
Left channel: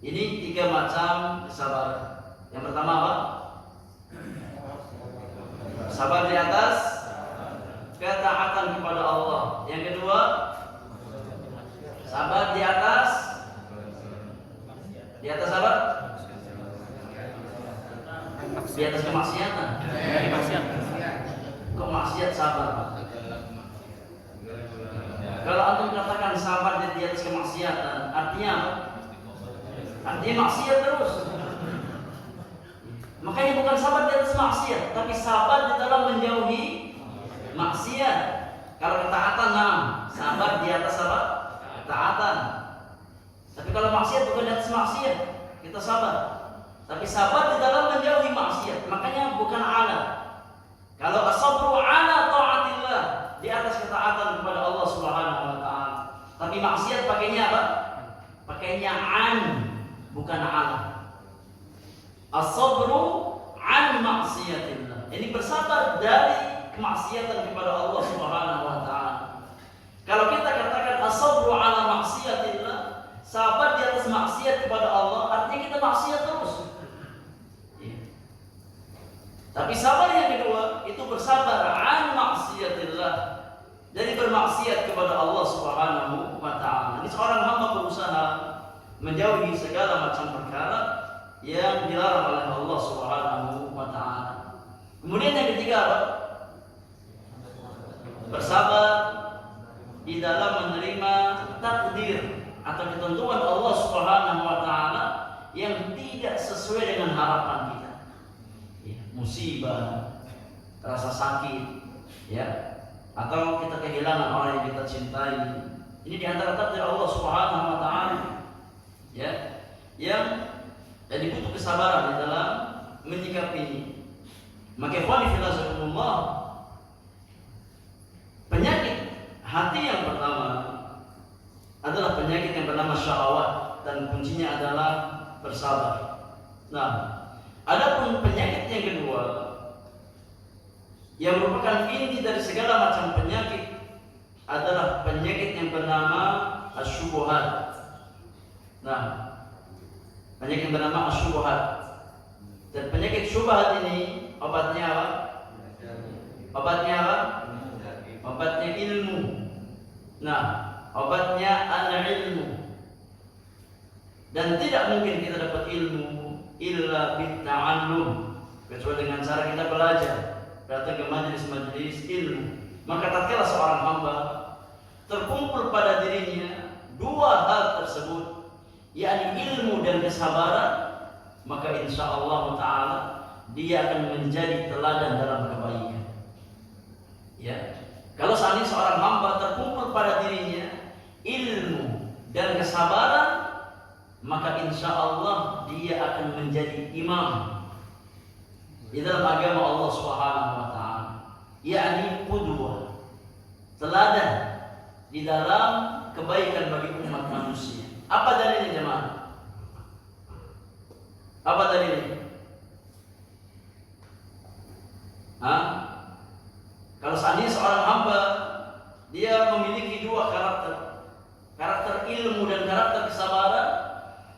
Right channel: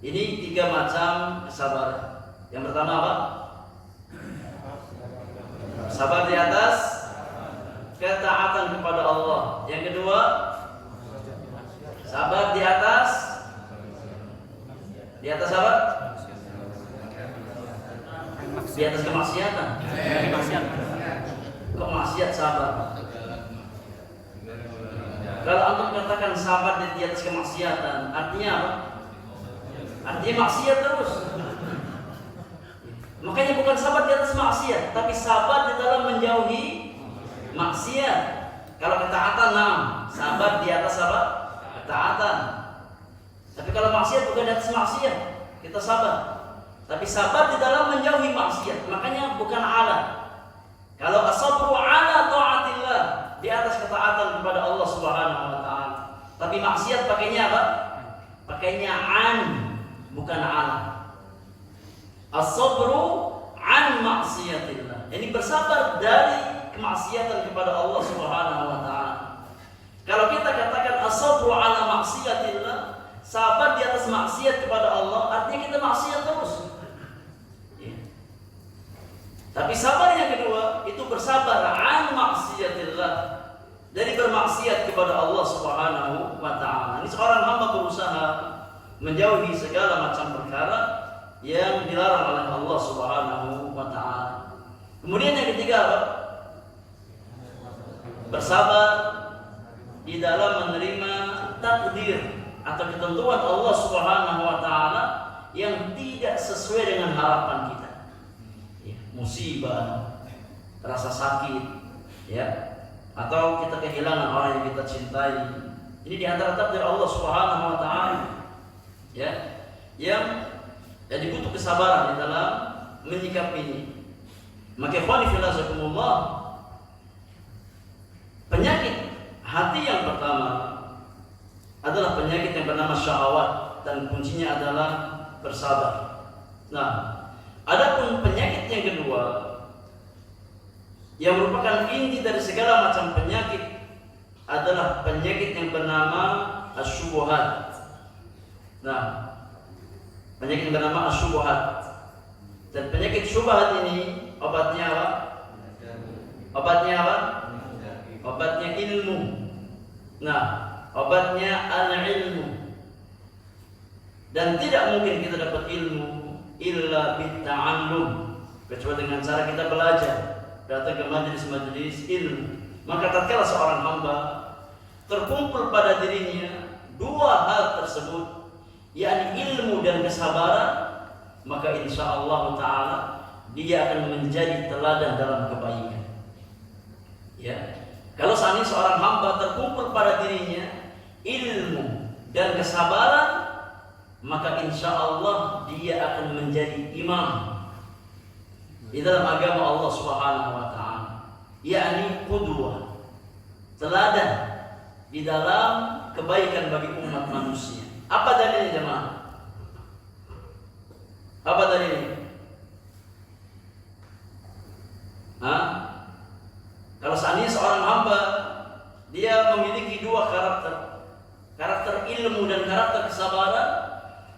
Ini 3 macam kesabaran. Yang pertama apa? Sabar di atas ketaatan kepada Allah. Yang kedua, sabar di atas apa? Di atas kemaksiatan. Kok maksiat sabar? Kalau antum katakan sabar di atas kemaksiatan, artinya apa? Artinya maksiat terus. Makanya bukan sabar di atas maksiat, tapi sabar di dalam menjauhi maksiat. Kalau ketaatan, sabar di atas apa? Ketaatan. Tapi kalau maksiat bukan di atas maksiat, kita sabar. Tapi sabar di dalam menjauhi maksiat. Makanya bukan ala. Kalau as-sabru ala ta'atillah, di atas ketaatan kepada Allah Subhanahu wa taala. Tapi maksiat pakainya apa? Pakainya an, bukan ala. As-sabru an maksiatillah. Ini bersabar dari kemaksiatan kepada Allah Subhanahu wa taala. Kalau kita katakan as-sabru ala maksiatillah, sabar di atas maksiat kepada Allah, artinya kita maksiat terus. Tapi sabar yang kedua itu bersabar an maksiatillah, dari bermaksiat kepada Allah Subhanahu wa taala. Ini seorang hamba berusaha menjauhi segala macam perkara yang dilarang oleh Allah Subhanahu wa taala. Kemudian yang ketiga apa? Bersabar di dalam menerima takdir atau ketentuan Allah Subhanahu wa taala yang tidak sesuai dengan harapan kita. Musibah, rasa sakit, ya, atau kita kehilangan orang yang kita cintai. Ini di antara takdir Allah Subhanahu wa taala, ya, yang Jadi butuh kesabaran di dalam menyikapinya. Maka ikhwani fillah jazakumullah, penyakit hati yang pertama adalah penyakit yang bernama syahwat, dan kuncinya adalah bersabar. Nah, adapun penyakit yang kedua yang merupakan inti dari segala macam penyakit adalah penyakit yang bernama asyubuhat. Nah, penyakit yang bernama asyubuhat. Dan penyakit syubhat ini obatnya apa? Obatnya apa? Obatnya ilmu. Nah, obatnya al-ilmu. Dan tidak mungkin kita dapat ilmu illa bitta'allum, kecuali dengan cara kita belajar, datang ke majelis-majelis ilmu. Maka tatkala seorang hamba terkumpul pada dirinya dua hal tersebut, yakni ilmu dan kesabaran, maka insya Allah Ta'ala dia akan menjadi teladan dalam kebaikan. Ya, kalau saat ini seorang hamba terkumpul pada dirinya ilmu dan kesabaran, maka insya Allah dia akan menjadi imam di dalam agama Allah Subhanahu Wa Ta'ala, yakni qudwah, teladan di dalam kebaikan bagi umat manusia. Apa dalilnya jemaah? Apa dalilnya? Kalau seandainya seorang hamba dia memiliki dua karakter ilmu dan karakter kesabaran,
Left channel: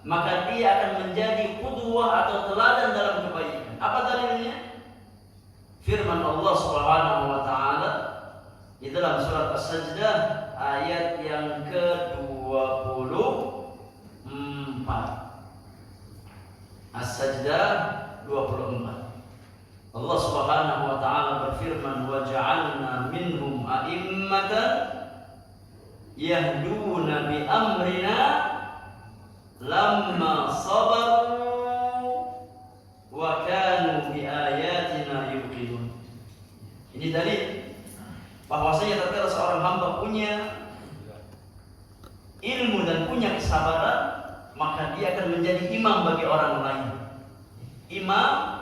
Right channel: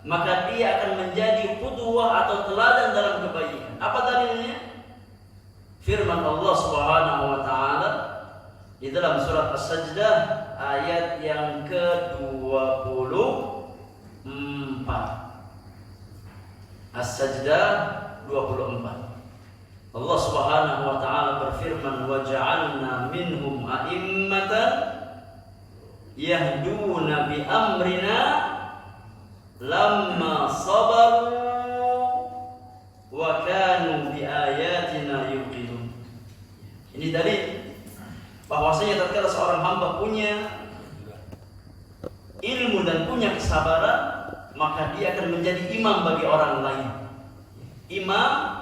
maka dia akan menjadi qudwah atau teladan dalam kebaikan. Apa dalilnya? Firman Allah Subhanahu wa taala di dalam surat As-Sajdah ayat yang ke-24. As-Sajdah 24. Allah Subhanahu wa taala berfirman, "Wa ja'alna minhum a'immatan yahduna bi amrina lamma sabaru wa kanu bi ayatina yuqinun." Ini dalil bahwasanya tatkala seorang hamba punya ilmu dan punya kesabaran, maka dia akan menjadi imam bagi orang lain. Imam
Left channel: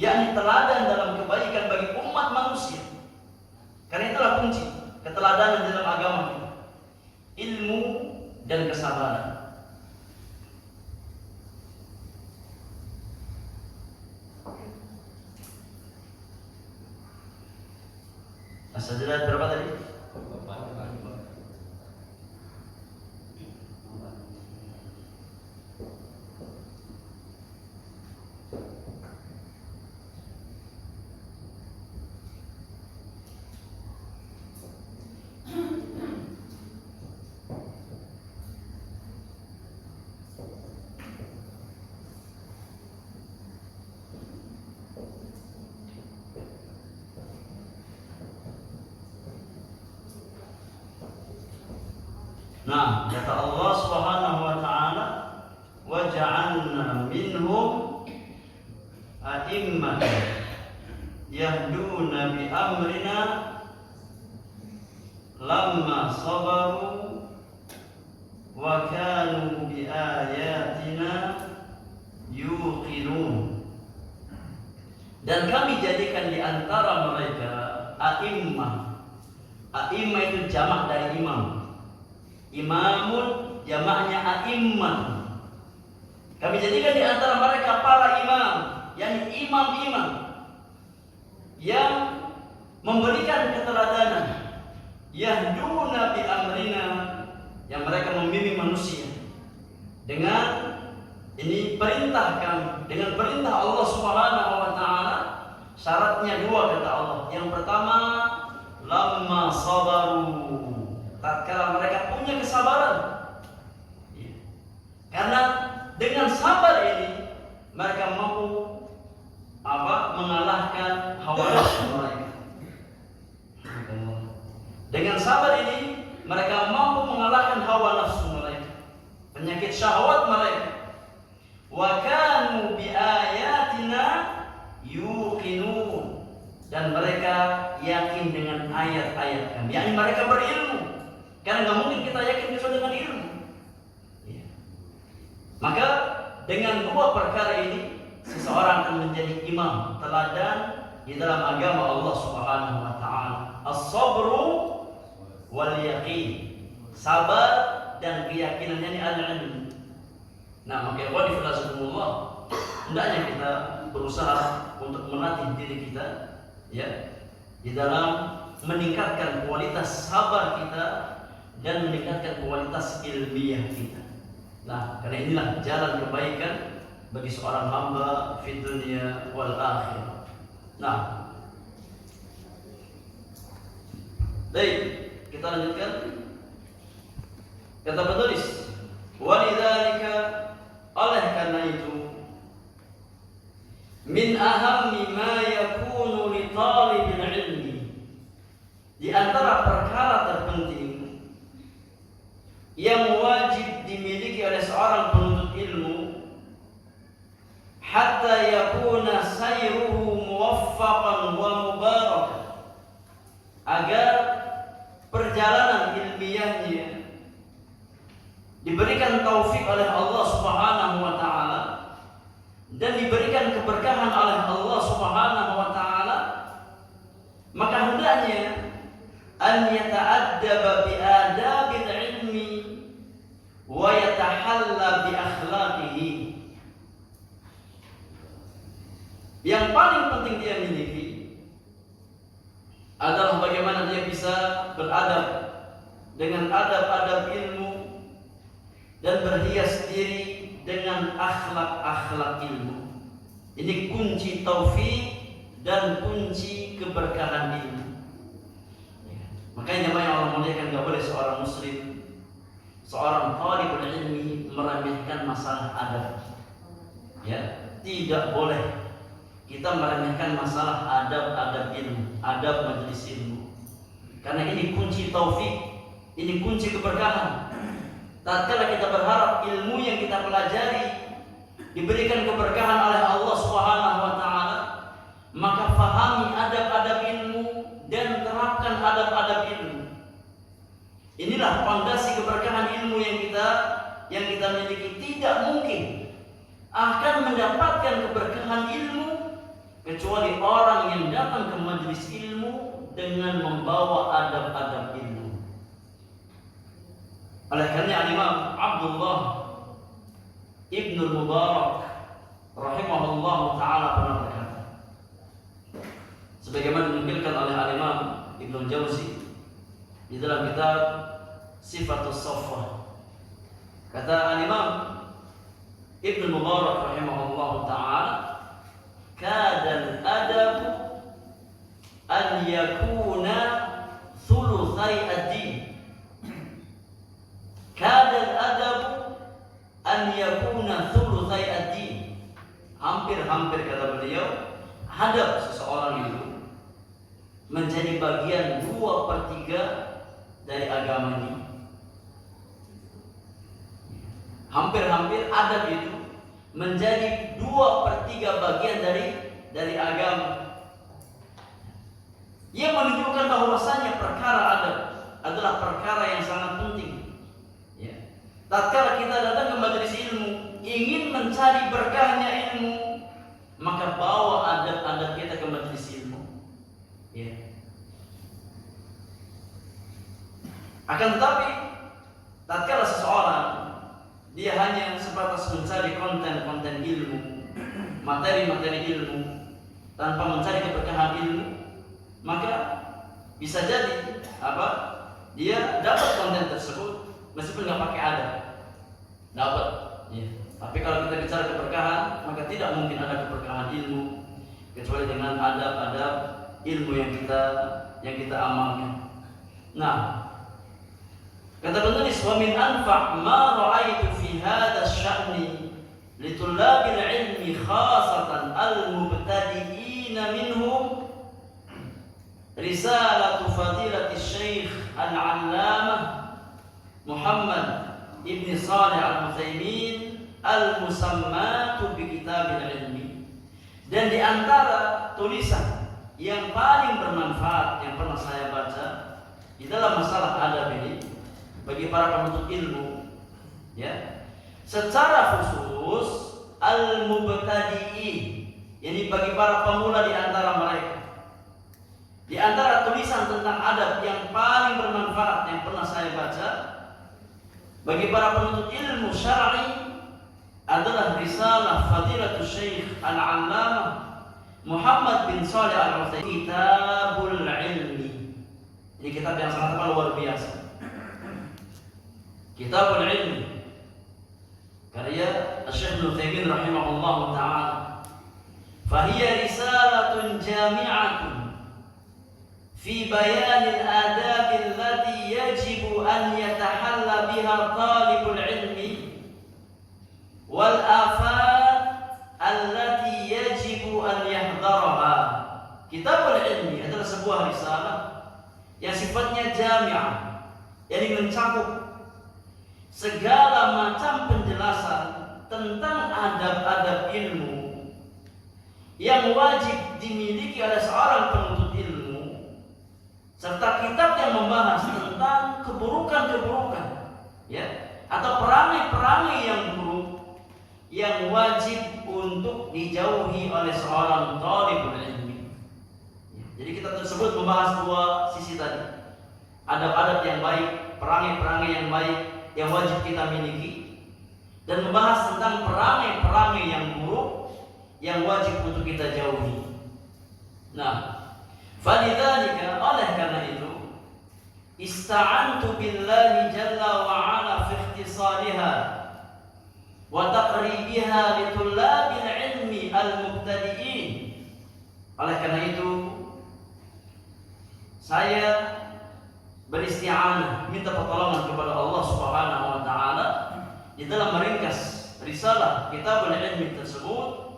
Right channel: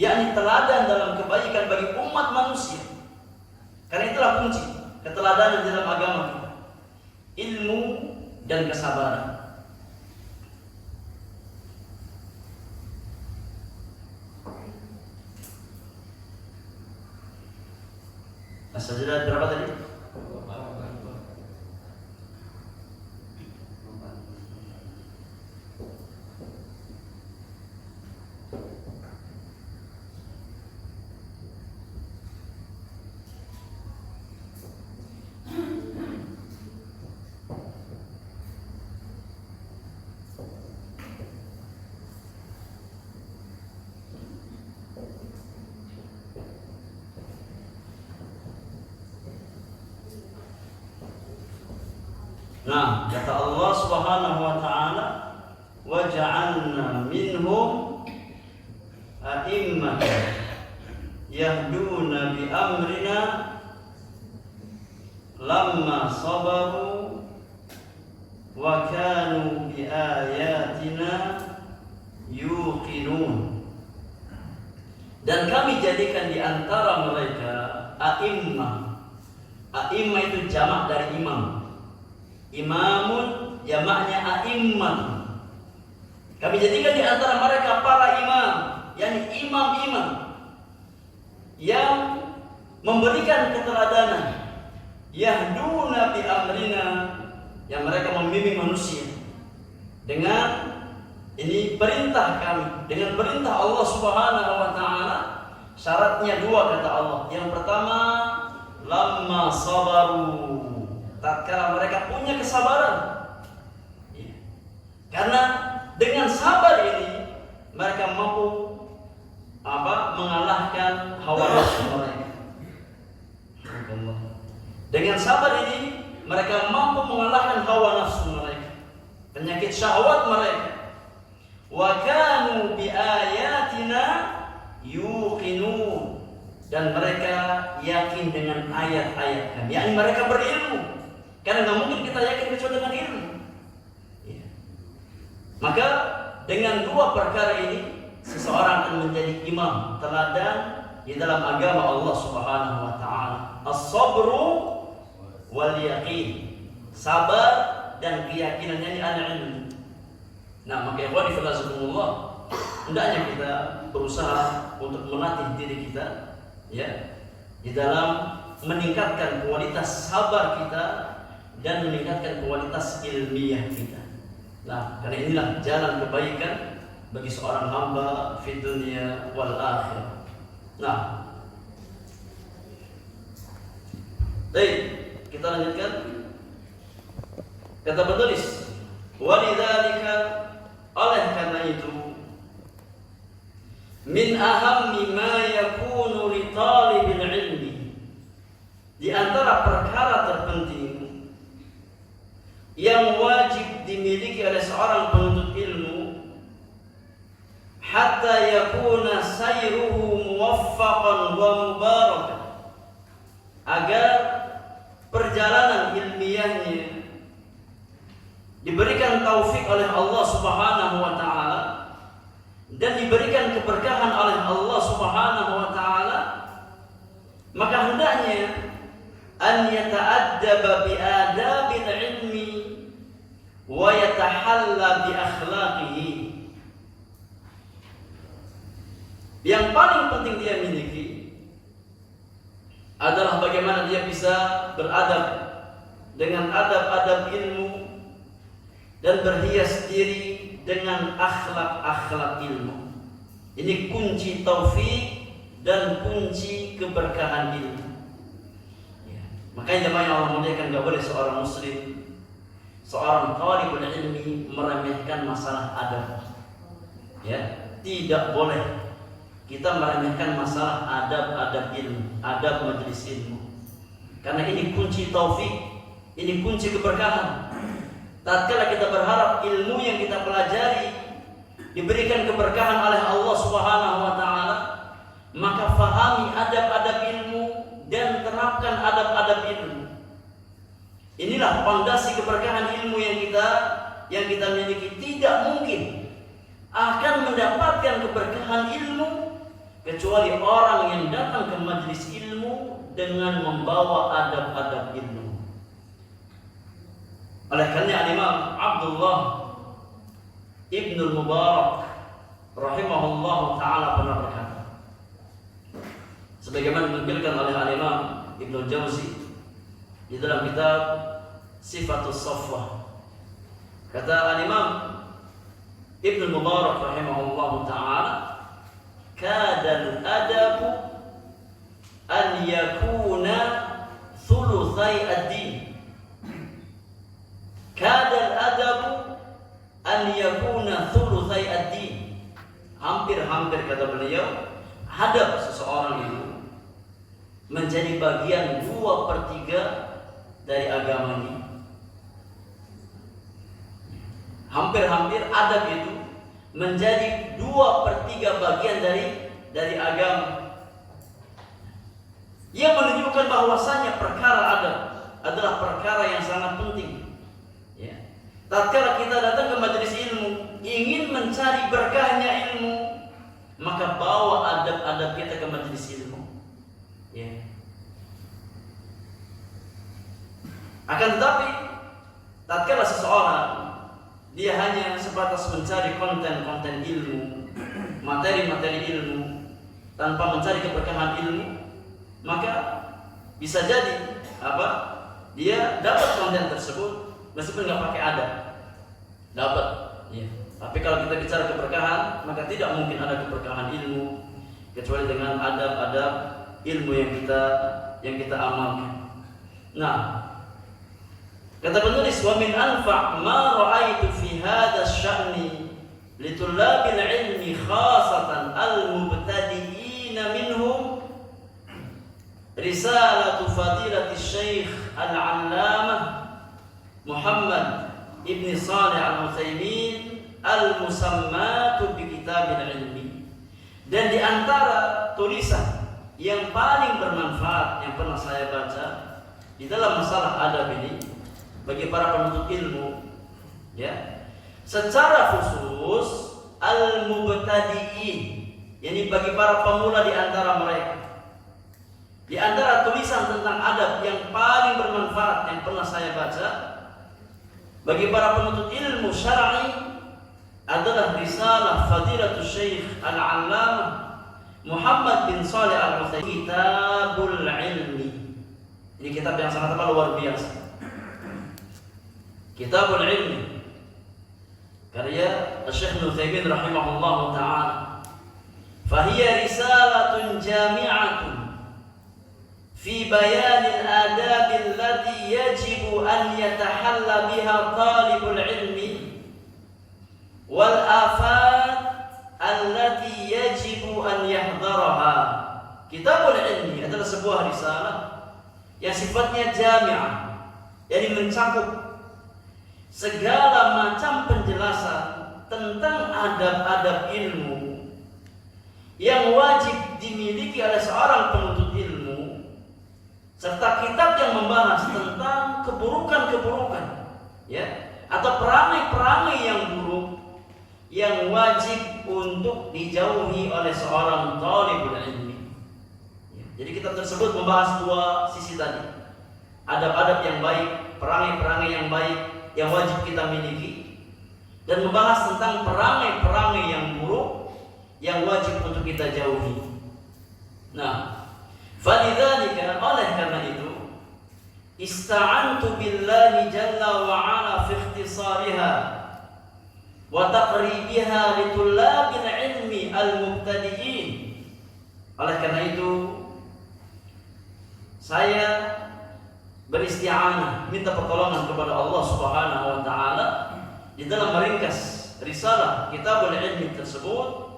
yakni teladan dalam kebaikan bagi umat manusia. Karena itulah kunci keteladanan dalam agama kita, ilmu dan kesabaran. As-Sajdah berapa tadi? Nah, kata Allah Subhanahu wa taala, "Wa ja'alna minhum a'immatan yahduna bi amrina lamma sabaru wa kanu bi ayatina yuqinun." Dan kami jadikan di antara mereka a'immah. A'immah itu jamak dari imam. Imamun jamaknya a'immah. Kami jadikan di antara mereka para imam, yakni imam-imam yang memberikan keteladanan, yahduna bi amrina, yang mereka membimbing manusia dengan ini perintah kami, dengan perintah Allah Subhanahu wa taala. Syaratnya dua kata Allah. Yang pertama, lamma sabaru, tatkala mereka punya kesabaran. Karena dengan sabar ini mereka mampu mengalahkan hawa nafsu mereka. Dengan sabar ini mereka mampu mengalahkan hawa nafsu mereka, penyakit syahwat mereka. Wa kanu bi ayatina yuqinun, dan mereka yakin dengan ayat-ayat kami. Yakni mereka berilmu. Karena nggak mungkin kita yakin kecuali dengan ilmu. Maka dengan dua perkara ini seseorang akan menjadi imam teladan di dalam agama Allah Subhanahu wa taala. As-sabru wal yaqin. Sabar dan keyakinan, ini al-ilm. Nah, maka ikhwani fillah, hendaknya kita berusaha untuk melatih diri kita ya di dalam meningkatkan kualitas sabar kita dan meningkatkan kualitas ilmiah kita. Nah, karena inilah jalan kebaikan bagi seorang hamba fi dunya wal akhirah. Nah, baik, kita lanjutkan. Kata penulis, walidzalika, oleh karena itu, min ahammi ma yakunu li talibil ilmi, di antara perkara terpenting yang wajib dimiliki oleh seorang penuntut ilmu, hatta yakuna sayruhu muwaffaqan wa mubarakan, agar perjalanan ilmiahnya diberikan taufik oleh Allah Subhanahu wa taala dan diberikan keberkahan oleh Allah Subhanahu wa taala, maka hendaknya an yata'addaba bi adabil ilmi wa yatahalla bi akhlaqihi. Yang paling penting dia miliki adalah bagaimana dia bisa beradab dengan adab-adab ilmu dan berhias diri dengan akhlak-akhlak ilmu. Ini kunci taufik dan kunci keberkahan ilmu. Ya. Makanya jemaah yang Allah muliakan, tidak boleh seorang muslim, seorang talibul ilmi meremehkan masalah adab. Ya, tidak boleh kita meremehkan masalah adab-adab ilmu, adab majelis ilmu. Karena ini kunci taufik, ini kunci keberkahan. Tatkala kita berharap ilmu yang kita pelajari diberikan keberkahan oleh Allah Subhanahu wa taala, maka fahami adab-adab ilmu dan terapkan adab-adab ilmu. Inilah fondasi keberkahan ilmu yang kita miliki. Tidak mungkin akan mendapatkan keberkahan ilmu kecuali orang yang datang ke majelis ilmu dengan membawa adab-adab ilmu. Oleh karena Imam Abdullah Ibnu Mubarak rahimahullah taala pernah berkata, sebagaimana dinukilkan oleh Imam Ibnu Jauzi di dalam kitab Sifatus Saffah, kata Imam Ibnu Mubarak rahimahullah taala, kadal adab an yakuna thulutsai ad-din. Kadal adab an yakuna thulutsai ad-din. Hampir-hampir, kata beliau, adab seseorang itu menjadi bagian 2/3 dari agama ini. Hampir-hampir adab itu menjadi 2/3 bagian dari agama. Ia menunjukkan bahwasanya perkara adab adalah perkara yang sangat penting. Ya. Tatkala kita datang ke majelis ilmu, ingin mencari berkahnya ilmu, maka bawa adab-adab kita ke majelis ilmu. Ya. Akan tetapi, tatkala seseorang dia hanya sebatas mencari konten-konten ilmu, materi-materi ilmu, tanpa mencari keberkahan ilmu, maka bisa jadi dia dapat konten tersebut meskipun nggak pakai adab, dapat. Ya. Tapi kalau kita bicara keberkahan, maka tidak mungkin ada keberkahan ilmu kecuali dengan adab-adab ilmu yang kita amalkan. Nah, kata penulis, wa min anfa' ma ra'aitu fi hadha asy-sya'ni li tullabil ilmi khasatan al-mubtadi'in minhum risalatu fadilati Syekh Al-'Allamah Muhammad Ibn Shalih Al-Utsaimin al-musammatu bi kitabil ilmi. Dan di antara tulisan yang paling bermanfaat yang pernah saya baca di dalam masalah adab ini bagi para penuntut ilmu, ya, secara khusus al-mubtadi'in, yakni bagi para pemula di antara mereka. Di antara tulisan tentang adab yang paling bermanfaat yang pernah saya baca bagi para penuntut ilmu syar'i adalah risalah Fadilatul Syekh Al-Allamah Muhammad bin Shalih Al-Utsaimin, Kitabul Ilmi. Ini kitab yang sangat luar biasa. Kitabul Ilmi karya Syekh Al-Utsaimin rahimahullah taala. Fahiya risalatun jami'atun في بيان الآداب التي يجب أن يتحلى بها طالب العلم والآفات التي يجب أن يحذرها. Kitabul Ilmi adalah sebuah risalah yang sifatnya jami'ah, yakni mencakup segala macam penjelasan tentang adab-adab ilmu yang wajib dimiliki oleh seorang penuntut ilmu, serta kitab yang membahas tentang keburukan-keburukan, ya, atau perangai-perangai yang buruk yang wajib untuk dijauhi oleh seorang thalibul ilmi. Jadi kitab tersebut membahas dua sisi tadi, adab-adab yang baik, perangai-perangai yang baik yang wajib kita miliki, dan membahas tentang perangai-perangai yang buruk yang wajib untuk kita jauhi. Nah, falidzalika, oleh karena itu, ista'antu billahi jalla wa ala fi ikhtisariha wa taqribiha li tullabil ilmi al-mubtadi'in. Oleh karena itu, saya beristi'anah, minta pertolongan kepada Allah Subhanahu wa taala di dalam meringkas risalah Kitabul Ilmi tersebut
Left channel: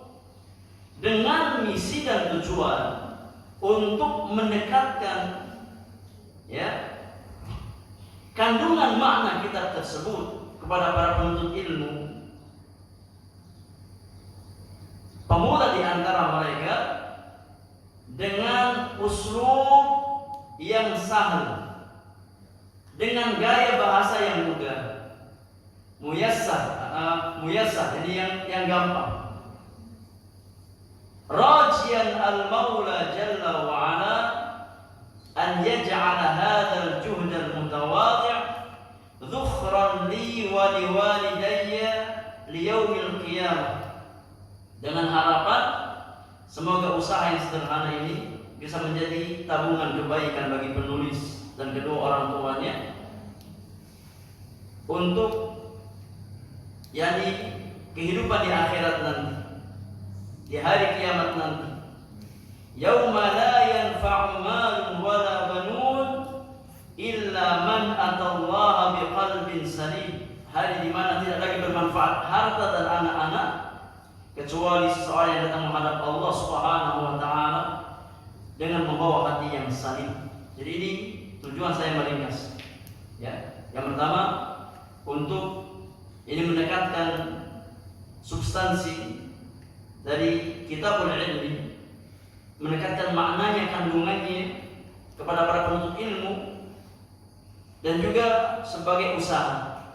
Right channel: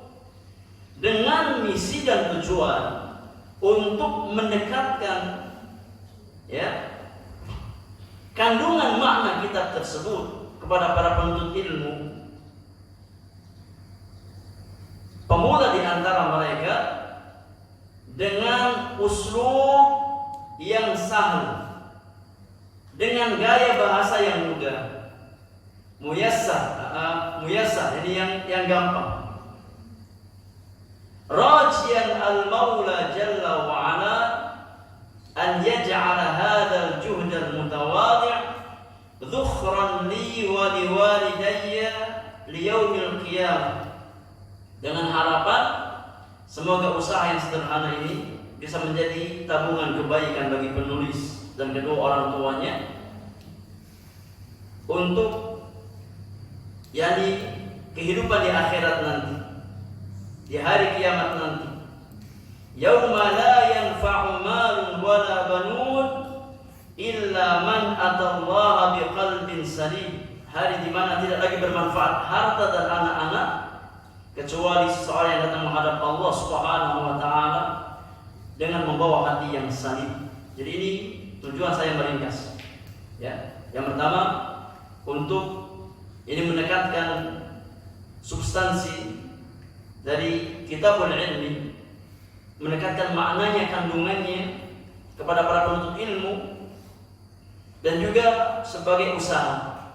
dengan misi dan tujuan untuk mendekatkan, ya, kandungan makna kitab tersebut kepada para penuntut ilmu, pemula di antara mereka, dengan uslub yang sahih, dengan gaya bahasa yang mudah, muyassar, ini yang gampang. Rajian al-Maula Jalla wa Ala an yaj'ala hadzal juhd al-mutawadi' dhukhran li wa liwalidayya li yaumil qiyamah. Dengan harapan semoga usaha yang sederhana ini bisa menjadi tabungan kebaikan bagi penulis dan kedua orang tuanya untuk, yakni, kehidupan di akhirat nanti, di hari kiamat nanti. Yauma la yanfa'u malun wala banun illa man atallaha biqalbin salim. Hari di mana tidak lagi bermanfaat harta dan anak-anak kecuali seseorang yang datang menghadap Allah Subhanahu wa taala dengan membawa hati yang salim. Jadi ini tujuan saya meringkas. Ya, yang pertama untuk ini mendekatkan substansi dari Kitabul Ilmi, mendekatkan maknanya, kandungannya kepada para penuntut ilmu, dan juga sebagai usaha,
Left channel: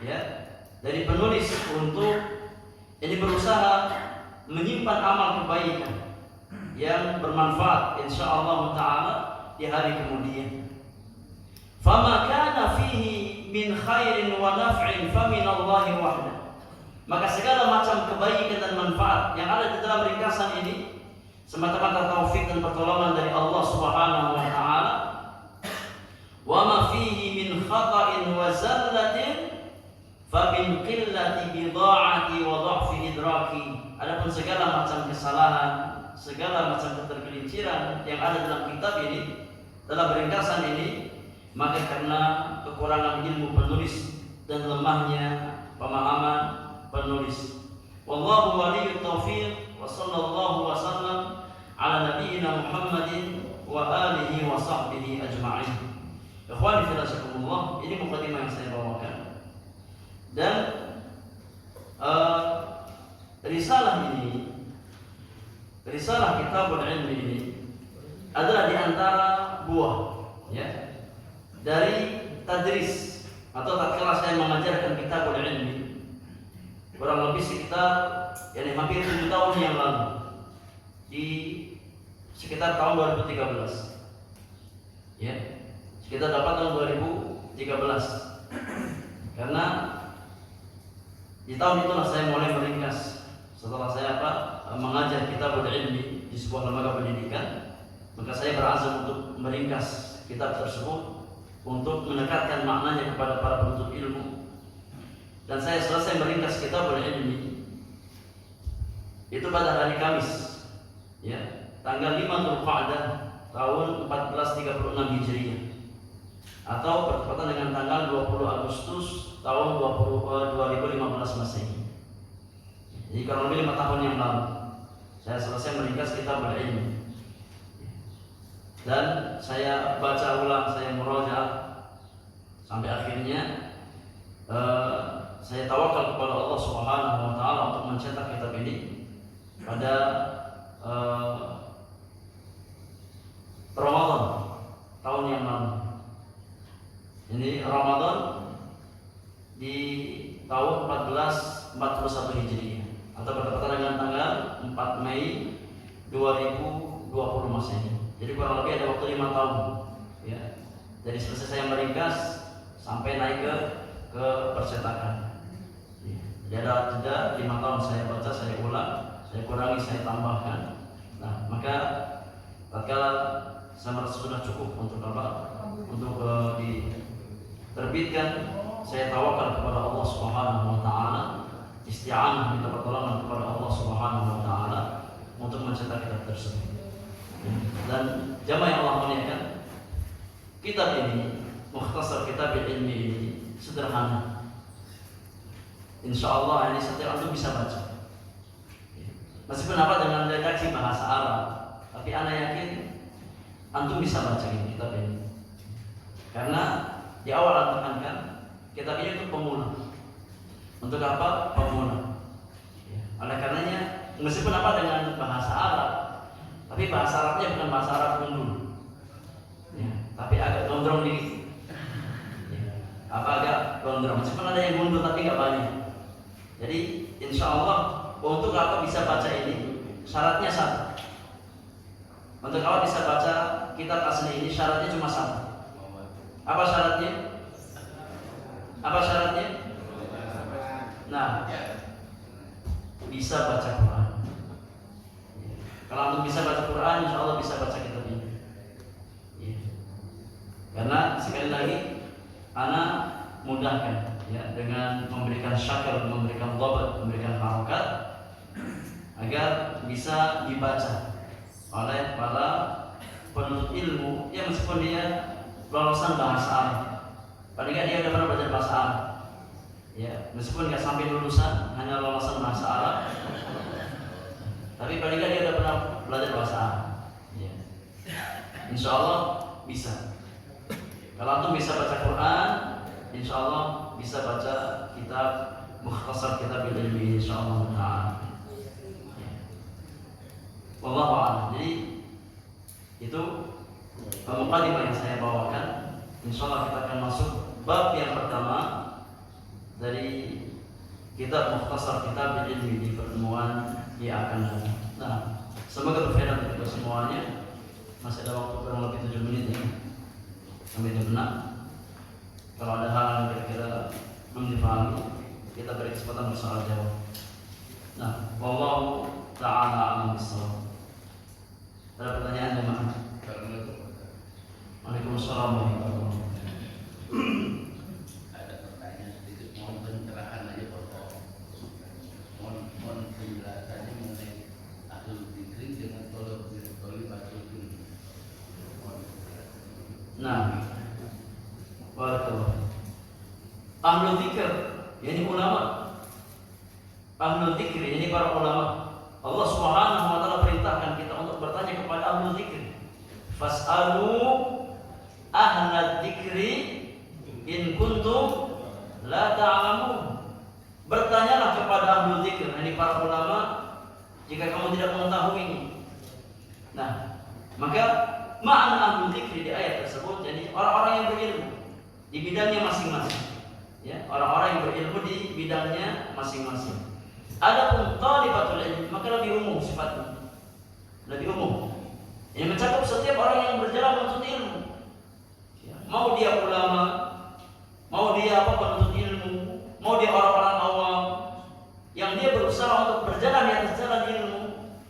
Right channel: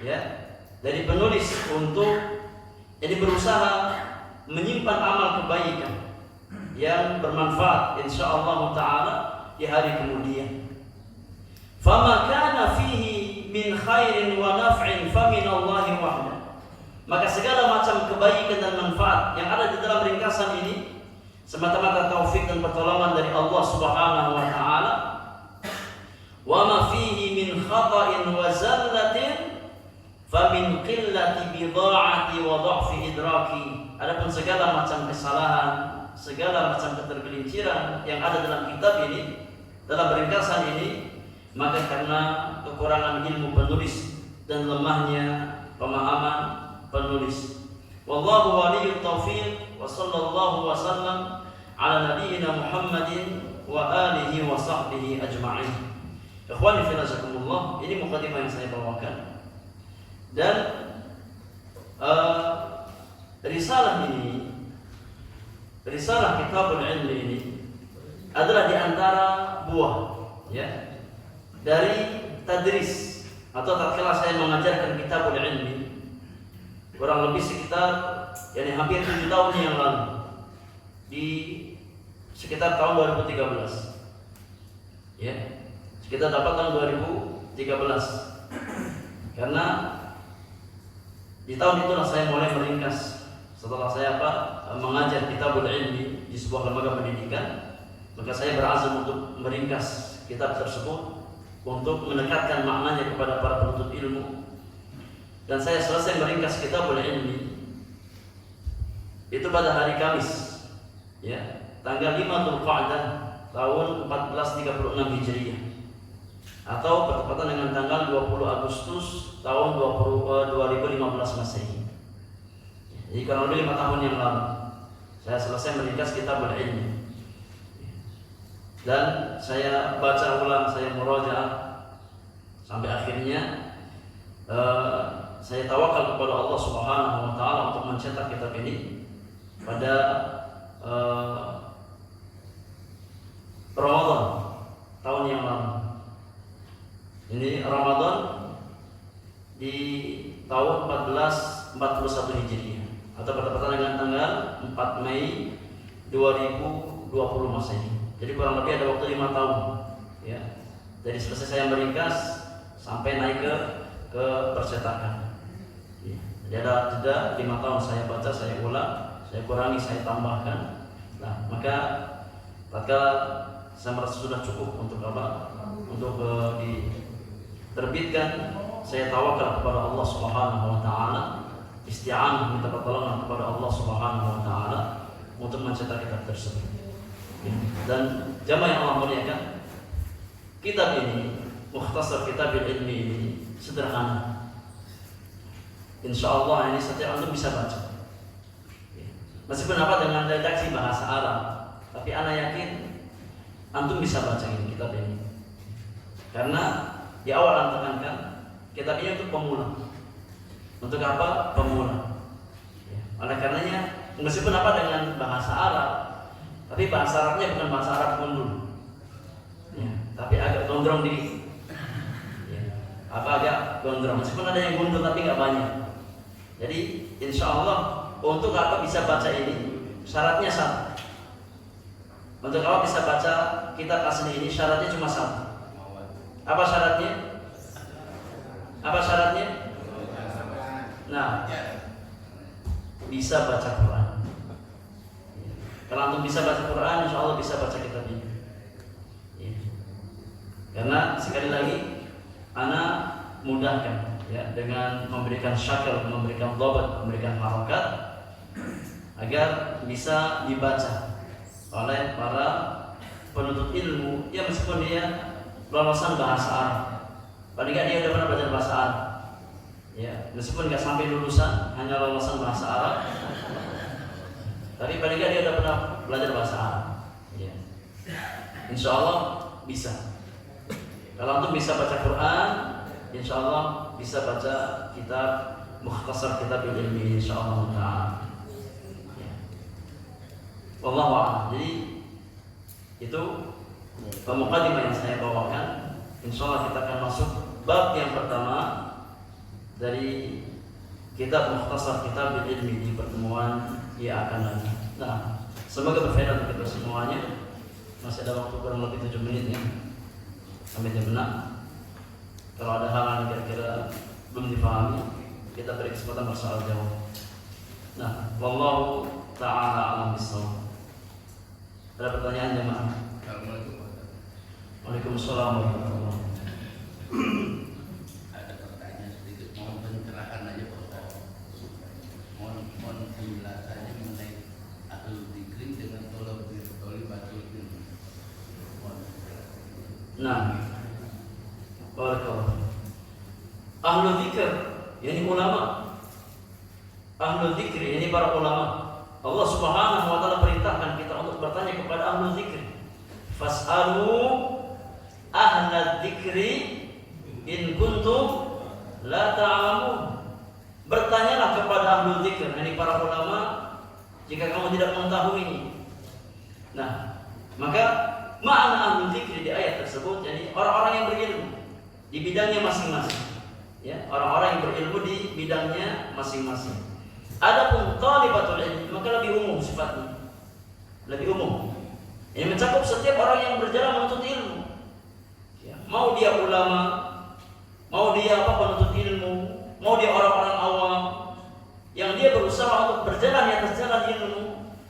ya, dari penulis untuk jadi berusaha menyimpan amal kebaikan yang bermanfaat insyaallah taala di hari kemudian. Fama kana fihi min khairin wa naf'in famin Allah wahda. Maka segala macam kebaikan dan manfaat yang ada di dalam ringkasan ini semata-mata taufik dan pertolongan dari Allah Subhanahu wa taala. Wa ma fihi min khata'in wa zallatin famin qillati bidha'ati wa dha'fi idraki. Adapun segala macam kesalahan, segala macam ketergelinciran yang ada dalam kitab ini, dalam ringkasan ini, maka karena kekurangan ilmu penulis dan lemahnya pemahaman penulis. Wallahu waliyut taufiq, wa sallallahu wasallam ala nabiyyina Muhammadin wa alihi wa sahbihi ajma'in. Ikhwani fillah, jazakumullah. Ini mukadimah yang saya bawakan. Dan risalah ini, risalah Kitabul Ilmi ini adalah di antara buah, ya, dari tadris atau tatkala saya mengajarkan Kitabul Ilmi kurang lebih sekitar yakni hampir 7 tahun yang lalu, di sekitar tahun 2013. Ya, sekitar dapat tahun 2013. Karena di tahun itulah saya mulai meringkas. Setelah saya mengajar kitabul ilmi di sebuah lembaga pendidikan, maka saya berazam untuk meringkas kitab tersebut untuk mendekatkan maknanya kepada para penuntut ilmu. Dan saya selesai meringkas kitabul ilmi itu pada hari Kamis, ya, tanggal 5 Dzulqa'dah tahun 1436 Hijriah, atau bertepatan dengan tanggal 20 Agustus tahun 2015 Masehi. Jadi kurang lebih 5 tahun yang lalu saya selesai meringkas kitabul ilmi. Dan saya baca ulang, saya murajaah sampai akhirnya saya tawakal kepada Allah Subhanahu wa taala untuk mencetak kitab ini pada Ramadan tahun yang lalu. Ini Ramadan di tahun 1441 Hijriah, atau bertepatan dengan tanggal 4 Mei 2020 Masehi. Jadi kurang lebih ada waktu 5 tahun, ya. Dari selesai saya meringkas sampai naik ke percetakan. Ya. Jadi ada jeda 5 tahun saya baca, saya ulang, saya kurangi, saya tambahkan. Nah, maka tatkala saya merasa sudah cukup untuk untuk diterbitkan, saya tawakal kepada Allah Subhanahu wa taala, isti'anah, minta pertolongan kepada Allah Subhanahu wa taala untuk mencetak kitab tersebut. Dan jamaah yang Allah muliakan, kitab ini, Mukhtasar Kitabil Ilmi ini sederhana. Insyaallah ini setiap antum bisa baca. Meskipun dengan redaksi bahasa Arab, tapi ana yakin antum bisa baca ini kitab ini. Karena di awal antum tekankan, kitab ini untuk pemula. Untuk apa? Pemula. Oleh karenanya, meskipun dengan bahasa Arab, tapi bahasa Arabnya bukan bahasa Arab gundul, ya, tapi agak gondrong dikit, ya, agak gondrong. Meskipun ada yang gundul tapi nggak banyak. Jadi insya Allah untuk apa bisa baca ini syaratnya satu. Untuk apa bisa baca kitab asli ini syaratnya cuma satu. Apa syaratnya? Apa syaratnya? Nah, bisa baca Quran. Kalau antum bisa baca Quran, insya Allah bisa baca kitab ini. Ya. Karena sekali lagi, anak mudahkan, ya, dengan memberikan syakal, memberikan dhabat, memberikan harakat agar bisa dibaca oleh para penuntut ilmu. Ya, meskipun dia lolosan bahasa Arab, paling nggak dia udah pernah belajar bahasa Arab. Ya, meskipun nggak sampai lulusan, hanya lolosan bahasa Arab, tapi paling nggak dia udah pernah belajar bahasa Arab. Ya. Insya Allah bisa. Kalau antum bisa baca Quran, insya Allah bisa baca kitab Mukhtasar Kitabil Ilmi, insya Allah Taala. Ya. Wallahu a'lam. Jadi itu mukadimah yang saya bawakan. Insya Allah kita akan masuk bab yang pertama dari kitab Mukhtasar Kitabil Ilmi di pertemuan yang akan datang. Nah, semoga berfaedah untuk kita semuanya. Masih ada waktu kurang lebih 7 menit ya, sampai jam 6. Kalau ada hal yang kira-kira belum dipahami, kita beri kesempatan bersoal jawab. Nah, wallahu ta'ala a'lam bishawab. Ada pertanyaan jemaah? Waalaikumsalam warahmatullahi wabarakatuh. Nah, barakallah. Ahlul dzikr, ini ulama. Ahlul dzikr ini para ulama. Allah Subhanahu wa taala perintahkan kita untuk bertanya kepada ahlul dzikr. Fas'alu ahlal dzikri in kuntum la ta'lamun. Bertanyalah kepada ahlul dzikr, ini para ulama, jika kamu tidak mengetahui ini. Nah, maka makna ahlul dzikri di ayat tersebut, jadi orang-orang yang berilmu di bidangnya masing-masing. Ya, orang-orang yang berilmu di bidangnya masing-masing. Adapun thalibatul ilmi maka lebih umum sifatnya, lebih umum. Ini mencakup setiap orang yang berjalan menuntut ilmu. Ya, mau dia ulama, mau dia penuntut ilmu, mau dia orang-orang awam yang dia berusaha untuk berjalan di atas jalan ilmu,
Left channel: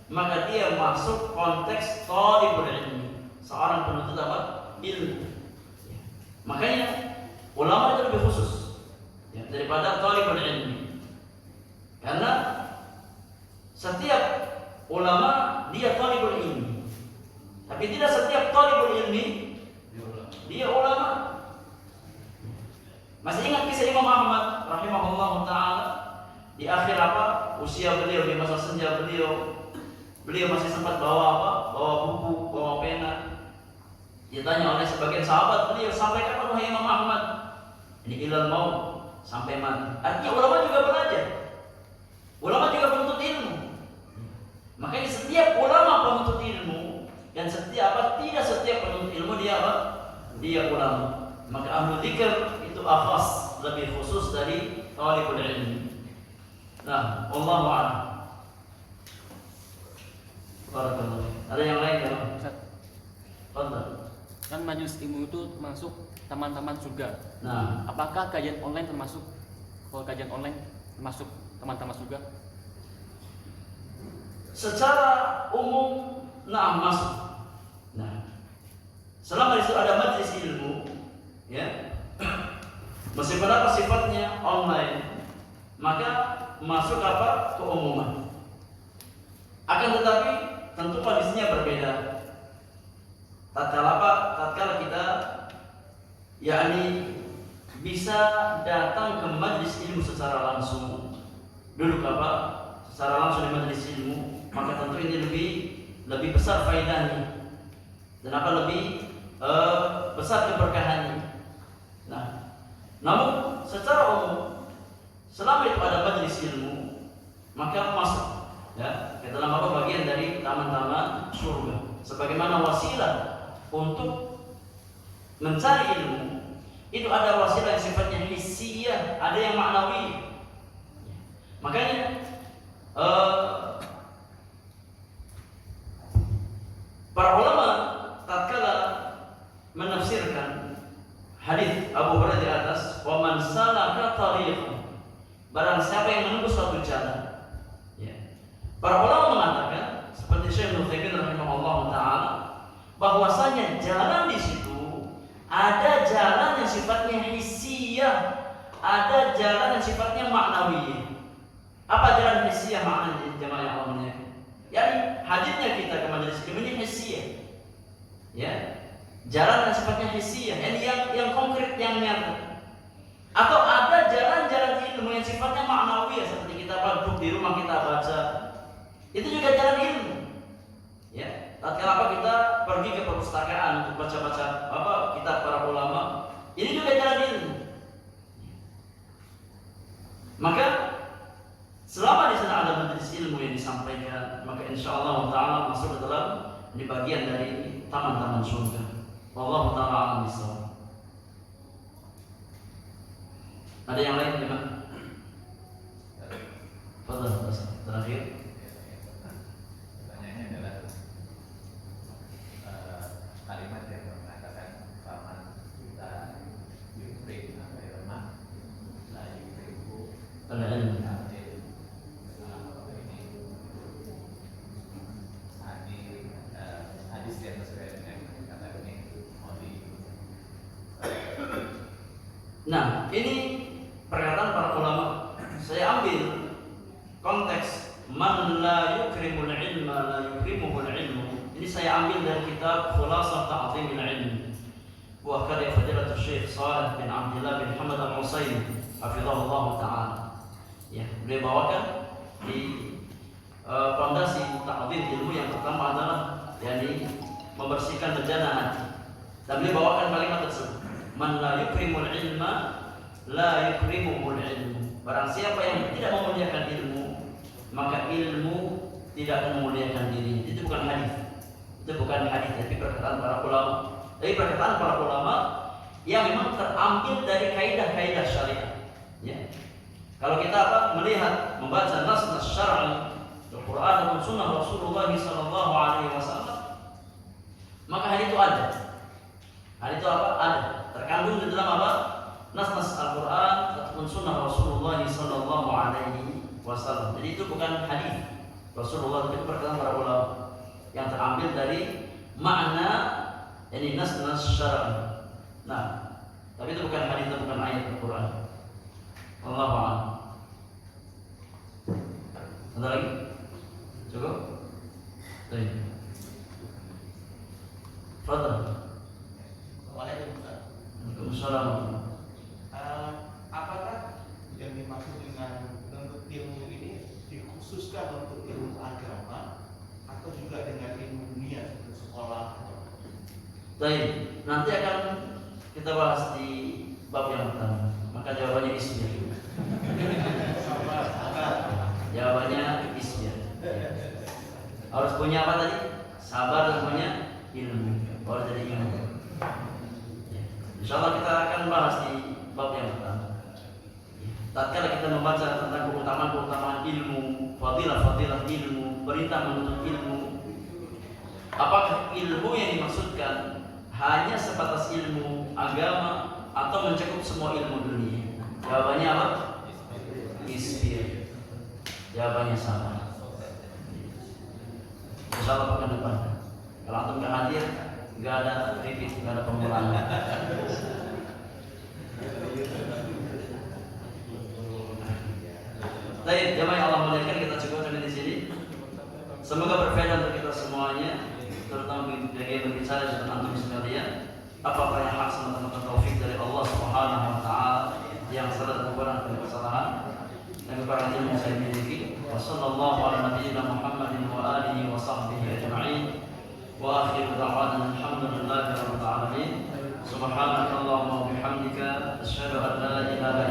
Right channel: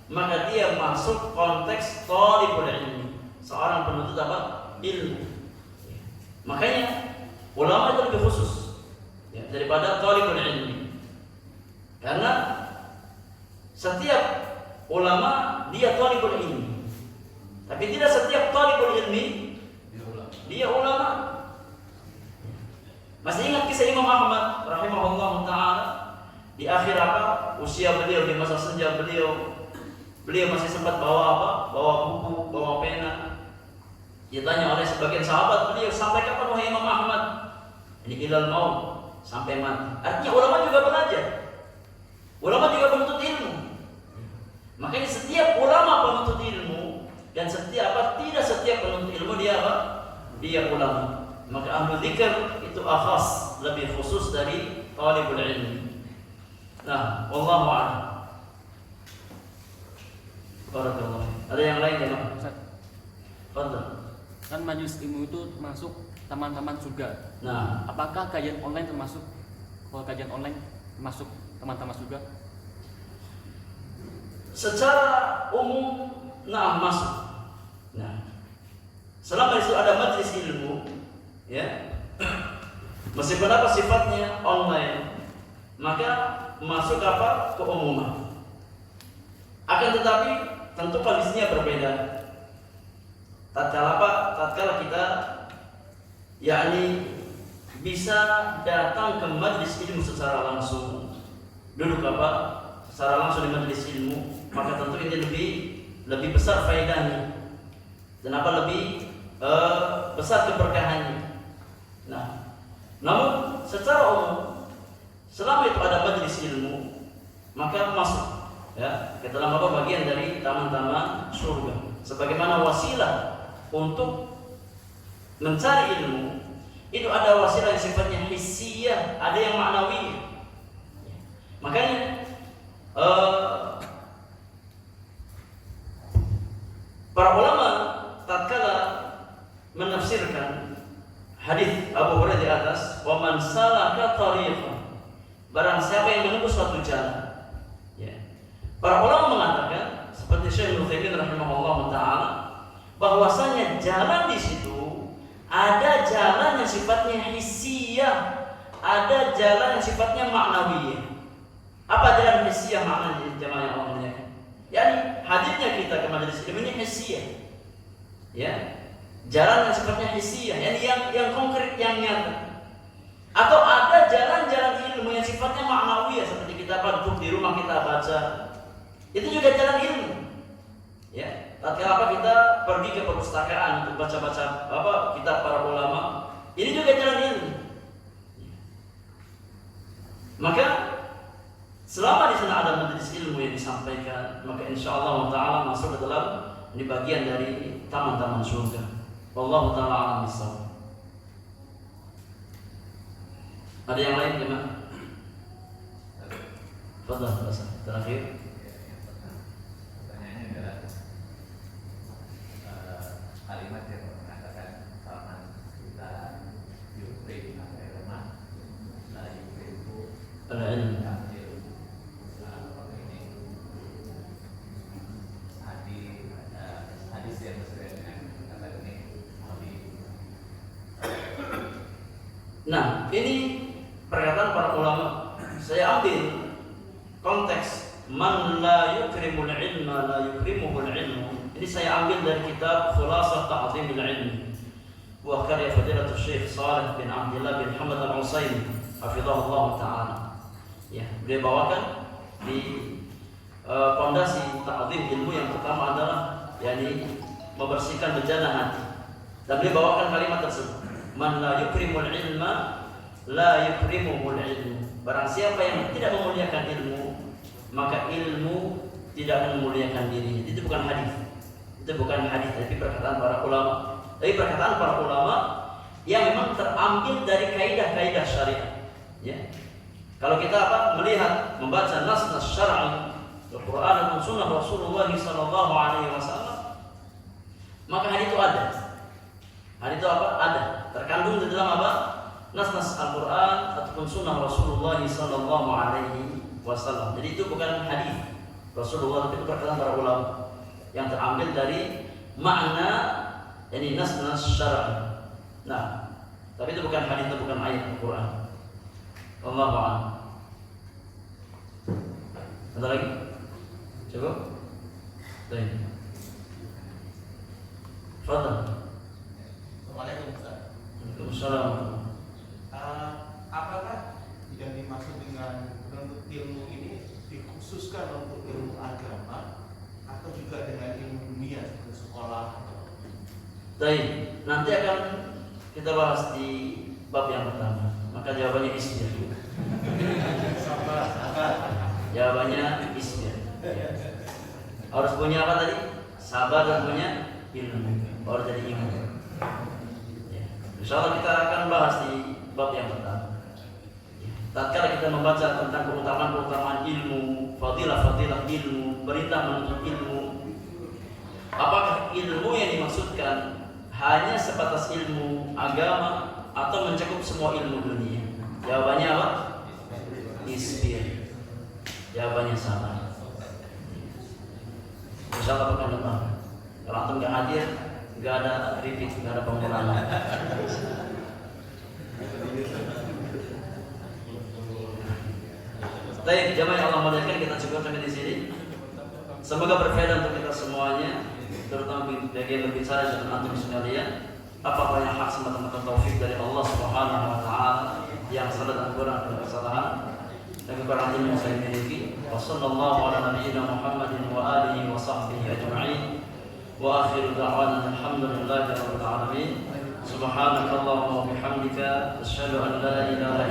maka dia masuk konteks thalibul ilmi, seorang penuntut apa? Ilmu. Ya. Makanya ulama itu lebih khusus ya, daripada thalibul ilmi. Karena setiap ulama dia thalibul ilmi. Tapi tidak setiap thalibul ilmi dia ulama. Masih ingat kisah Imam Ahmad rahimahullah taala di akhir usia beliau, di masa senja beliau masih sempat bawa bawa buku, bawa pena. Ditanya oleh sebagian sahabat beliau, sampai kapan wahai Imam Ahmad? Ini ilal maut, sampai mati. Artinya ulama juga belajar, ulama juga penuntut ilmu. Makanya setiap ulama penuntut ilmu, dan tidak setiap penuntut ilmu dia ulama. Maka ahlu dzikr itu akhas, lebih khusus dari talibul ilmi. Nah, wallahu a'lam. Barakallahu. Ada yang lain ya, Pak? Ustaz. Betul. Kan majelis ilmu itu termasuk taman-taman surga. Nah, apakah kajian online termasuk? Kalau kajian online termasuk taman-taman surga? Secara umum, nah masuk. Nah, selama itu ada majelis ilmu, ya, meskipun apa sifatnya online, maka masuk keumuman. Akan tetapi tentu kondisinya berbeda. Tatkala kita yakni bisa datang ke majelis ilmu secara langsung, duduk secara langsung di majelis ilmu, maka tentu ini lebih besar faedahnya. Dan lebih besar keberkahannya. Nah, namun secara umum selama itu ada majelis ilmu, maka masuk ya ke dalam bagian dari taman-taman surga. Sebagaimana wasilah untuk mencari ilmu, itu ada wasilah yang sifatnya hissiyah, ada yang ma'nawi. Makanya para ulama tatkala menafsirkan hadis Abu Hurairah di atas, wa man salaka tariqan, barang siapa yang menempuh suatu jalan, ya. Para ulama mengatakan seperti Syekh Al-Utsaimin rahimahullah taala, bahwasanya jalan di situ ada jalan yang sifatnya hissiyah, ada jalan yang sifatnya ma'nawiyah. Apa jalan hissiyah maknanya jemaah yang Allah muliakan? Yani hadirnya kita ke majelis ilmu ini hissiyah. Ya. Jalan yang sifatnya hissiyah, yang konkret, yang nyata. Atau ada jalan-jalan ilmu yang sifatnya ma'nawiyah, seperti kita duduk di rumah kita baca. Itu juga jalan ilmu. Ya, tatkala kita pergi ke perpustakaan untuk baca-baca kitab para ulama, ini juga jalan ilmu. Maka selama di sana ada majelis ilmu yang disampaikan, maka insyaallah taala masuk ke dalam ini bagian dari taman-taman surga. Wallahu taala a'lam bishawab. Ada yang lain gimana? Fadhal, terakhir. Pertanyaannya adalah kalimat yang mengatakan kapan kita yukrim ilmu, la yukrimu Al-ilm. Hadis yang sesuai dengan kata ini. Nah, ini perkataan para ulama. Saya ambil konteks man la yukrimul ilma la yukrimuhul ilmu. Ini saya ambil dari kitab Khulasah Ta'zimil Ilm wa karya Fadilatul Syekh Shalih bin Abdullah bin Muhammad Al-Utsaimin hafizahullah taala. Ya, beliau bawakan di pondasi ta'zim ilmu yang pertama adalah yakni membersihkan bejana hati. Dan beliau bawakan kalimat tersebut. Man la yukrimul ilma la yukrimuhul ilmu. Barang siapa yang tidak memuliakan ilmu, maka ilmu tidak memuliakan dirinya. Itu bukan hadis. Itu bukan hadis, tapi perkataan para ulama. Tapi perkataan para ulama yang memang terambil dari kaidah-kaidah syariat. Ya. Kalau kita melihat membaca nas-nas syar'i Al-Quran dan Sunnah Rasulullah Sallallahu Alaihi Wasallam, maka hari itu ada. Hari itu apa? Ada. Terkandung di dalam apa? Nas-nas Al-Quran ataupun Sunnah Rasulullah Sallallahu Alaihi Wasallam. Jadi itu bukan hadis Rasulullah, itu perkataan para ulama yang terambil dari makna, yani nas-nas syar'i. Nah, tapi itu bukan hadis, itu bukan ayat Al-Quran. Allahu a'lam. Ada lagi? Cukup? Baik. Fadhal. Waalaikumsalam. Apakah yang dimaksud dengan penuntut ilmu ini dikhususkan untuk ilmu agama atau juga dengan ilmu dunia seperti sekolah? Baik, nanti akan kita bahas di bab yang pertama. Maka jawabannya ismir. Jawabannya ismir. Harus punya apa tadi? Sabar dan punya ilmu. Baru jadi ilmu. Insyaallah kita akan bahas di bab yang pertama. Tatkala kita membaca tentang keutamaan ilmu, fadilah ilmu, perintah menuntut ilmu, apakah ilmu yang dimaksudkan hanya sebatas ilmu agama atau mencakup semua ilmu dunia? Jawabannya apa? Isbir. Jawabannya sama. Insyaallah pekan depan. Kalau antum nggak hadir, nggak ada repeat, nggak ada pengulangan. Baik, jamaah yang Allah muliakan, kita cukupkan di sini. Semoga berfaedah untuk kita semuanya, terutama bagi yang berbicara dan antum sekalian. Apa yang hak semata-mata taufik dari Allah Subhanahu wa taala, yang salah dan kurang dan kesalahan dan kekurangan ilmu saya miliki. Wassallallahu ala nabiyyina Muhammadin wa alihi wa sahbihi ajma'in. Wa akhiru da'wana alhamdulillahi rabbil alamin. Subhanakallahumma wa bihamdika asyhadu an la ilaha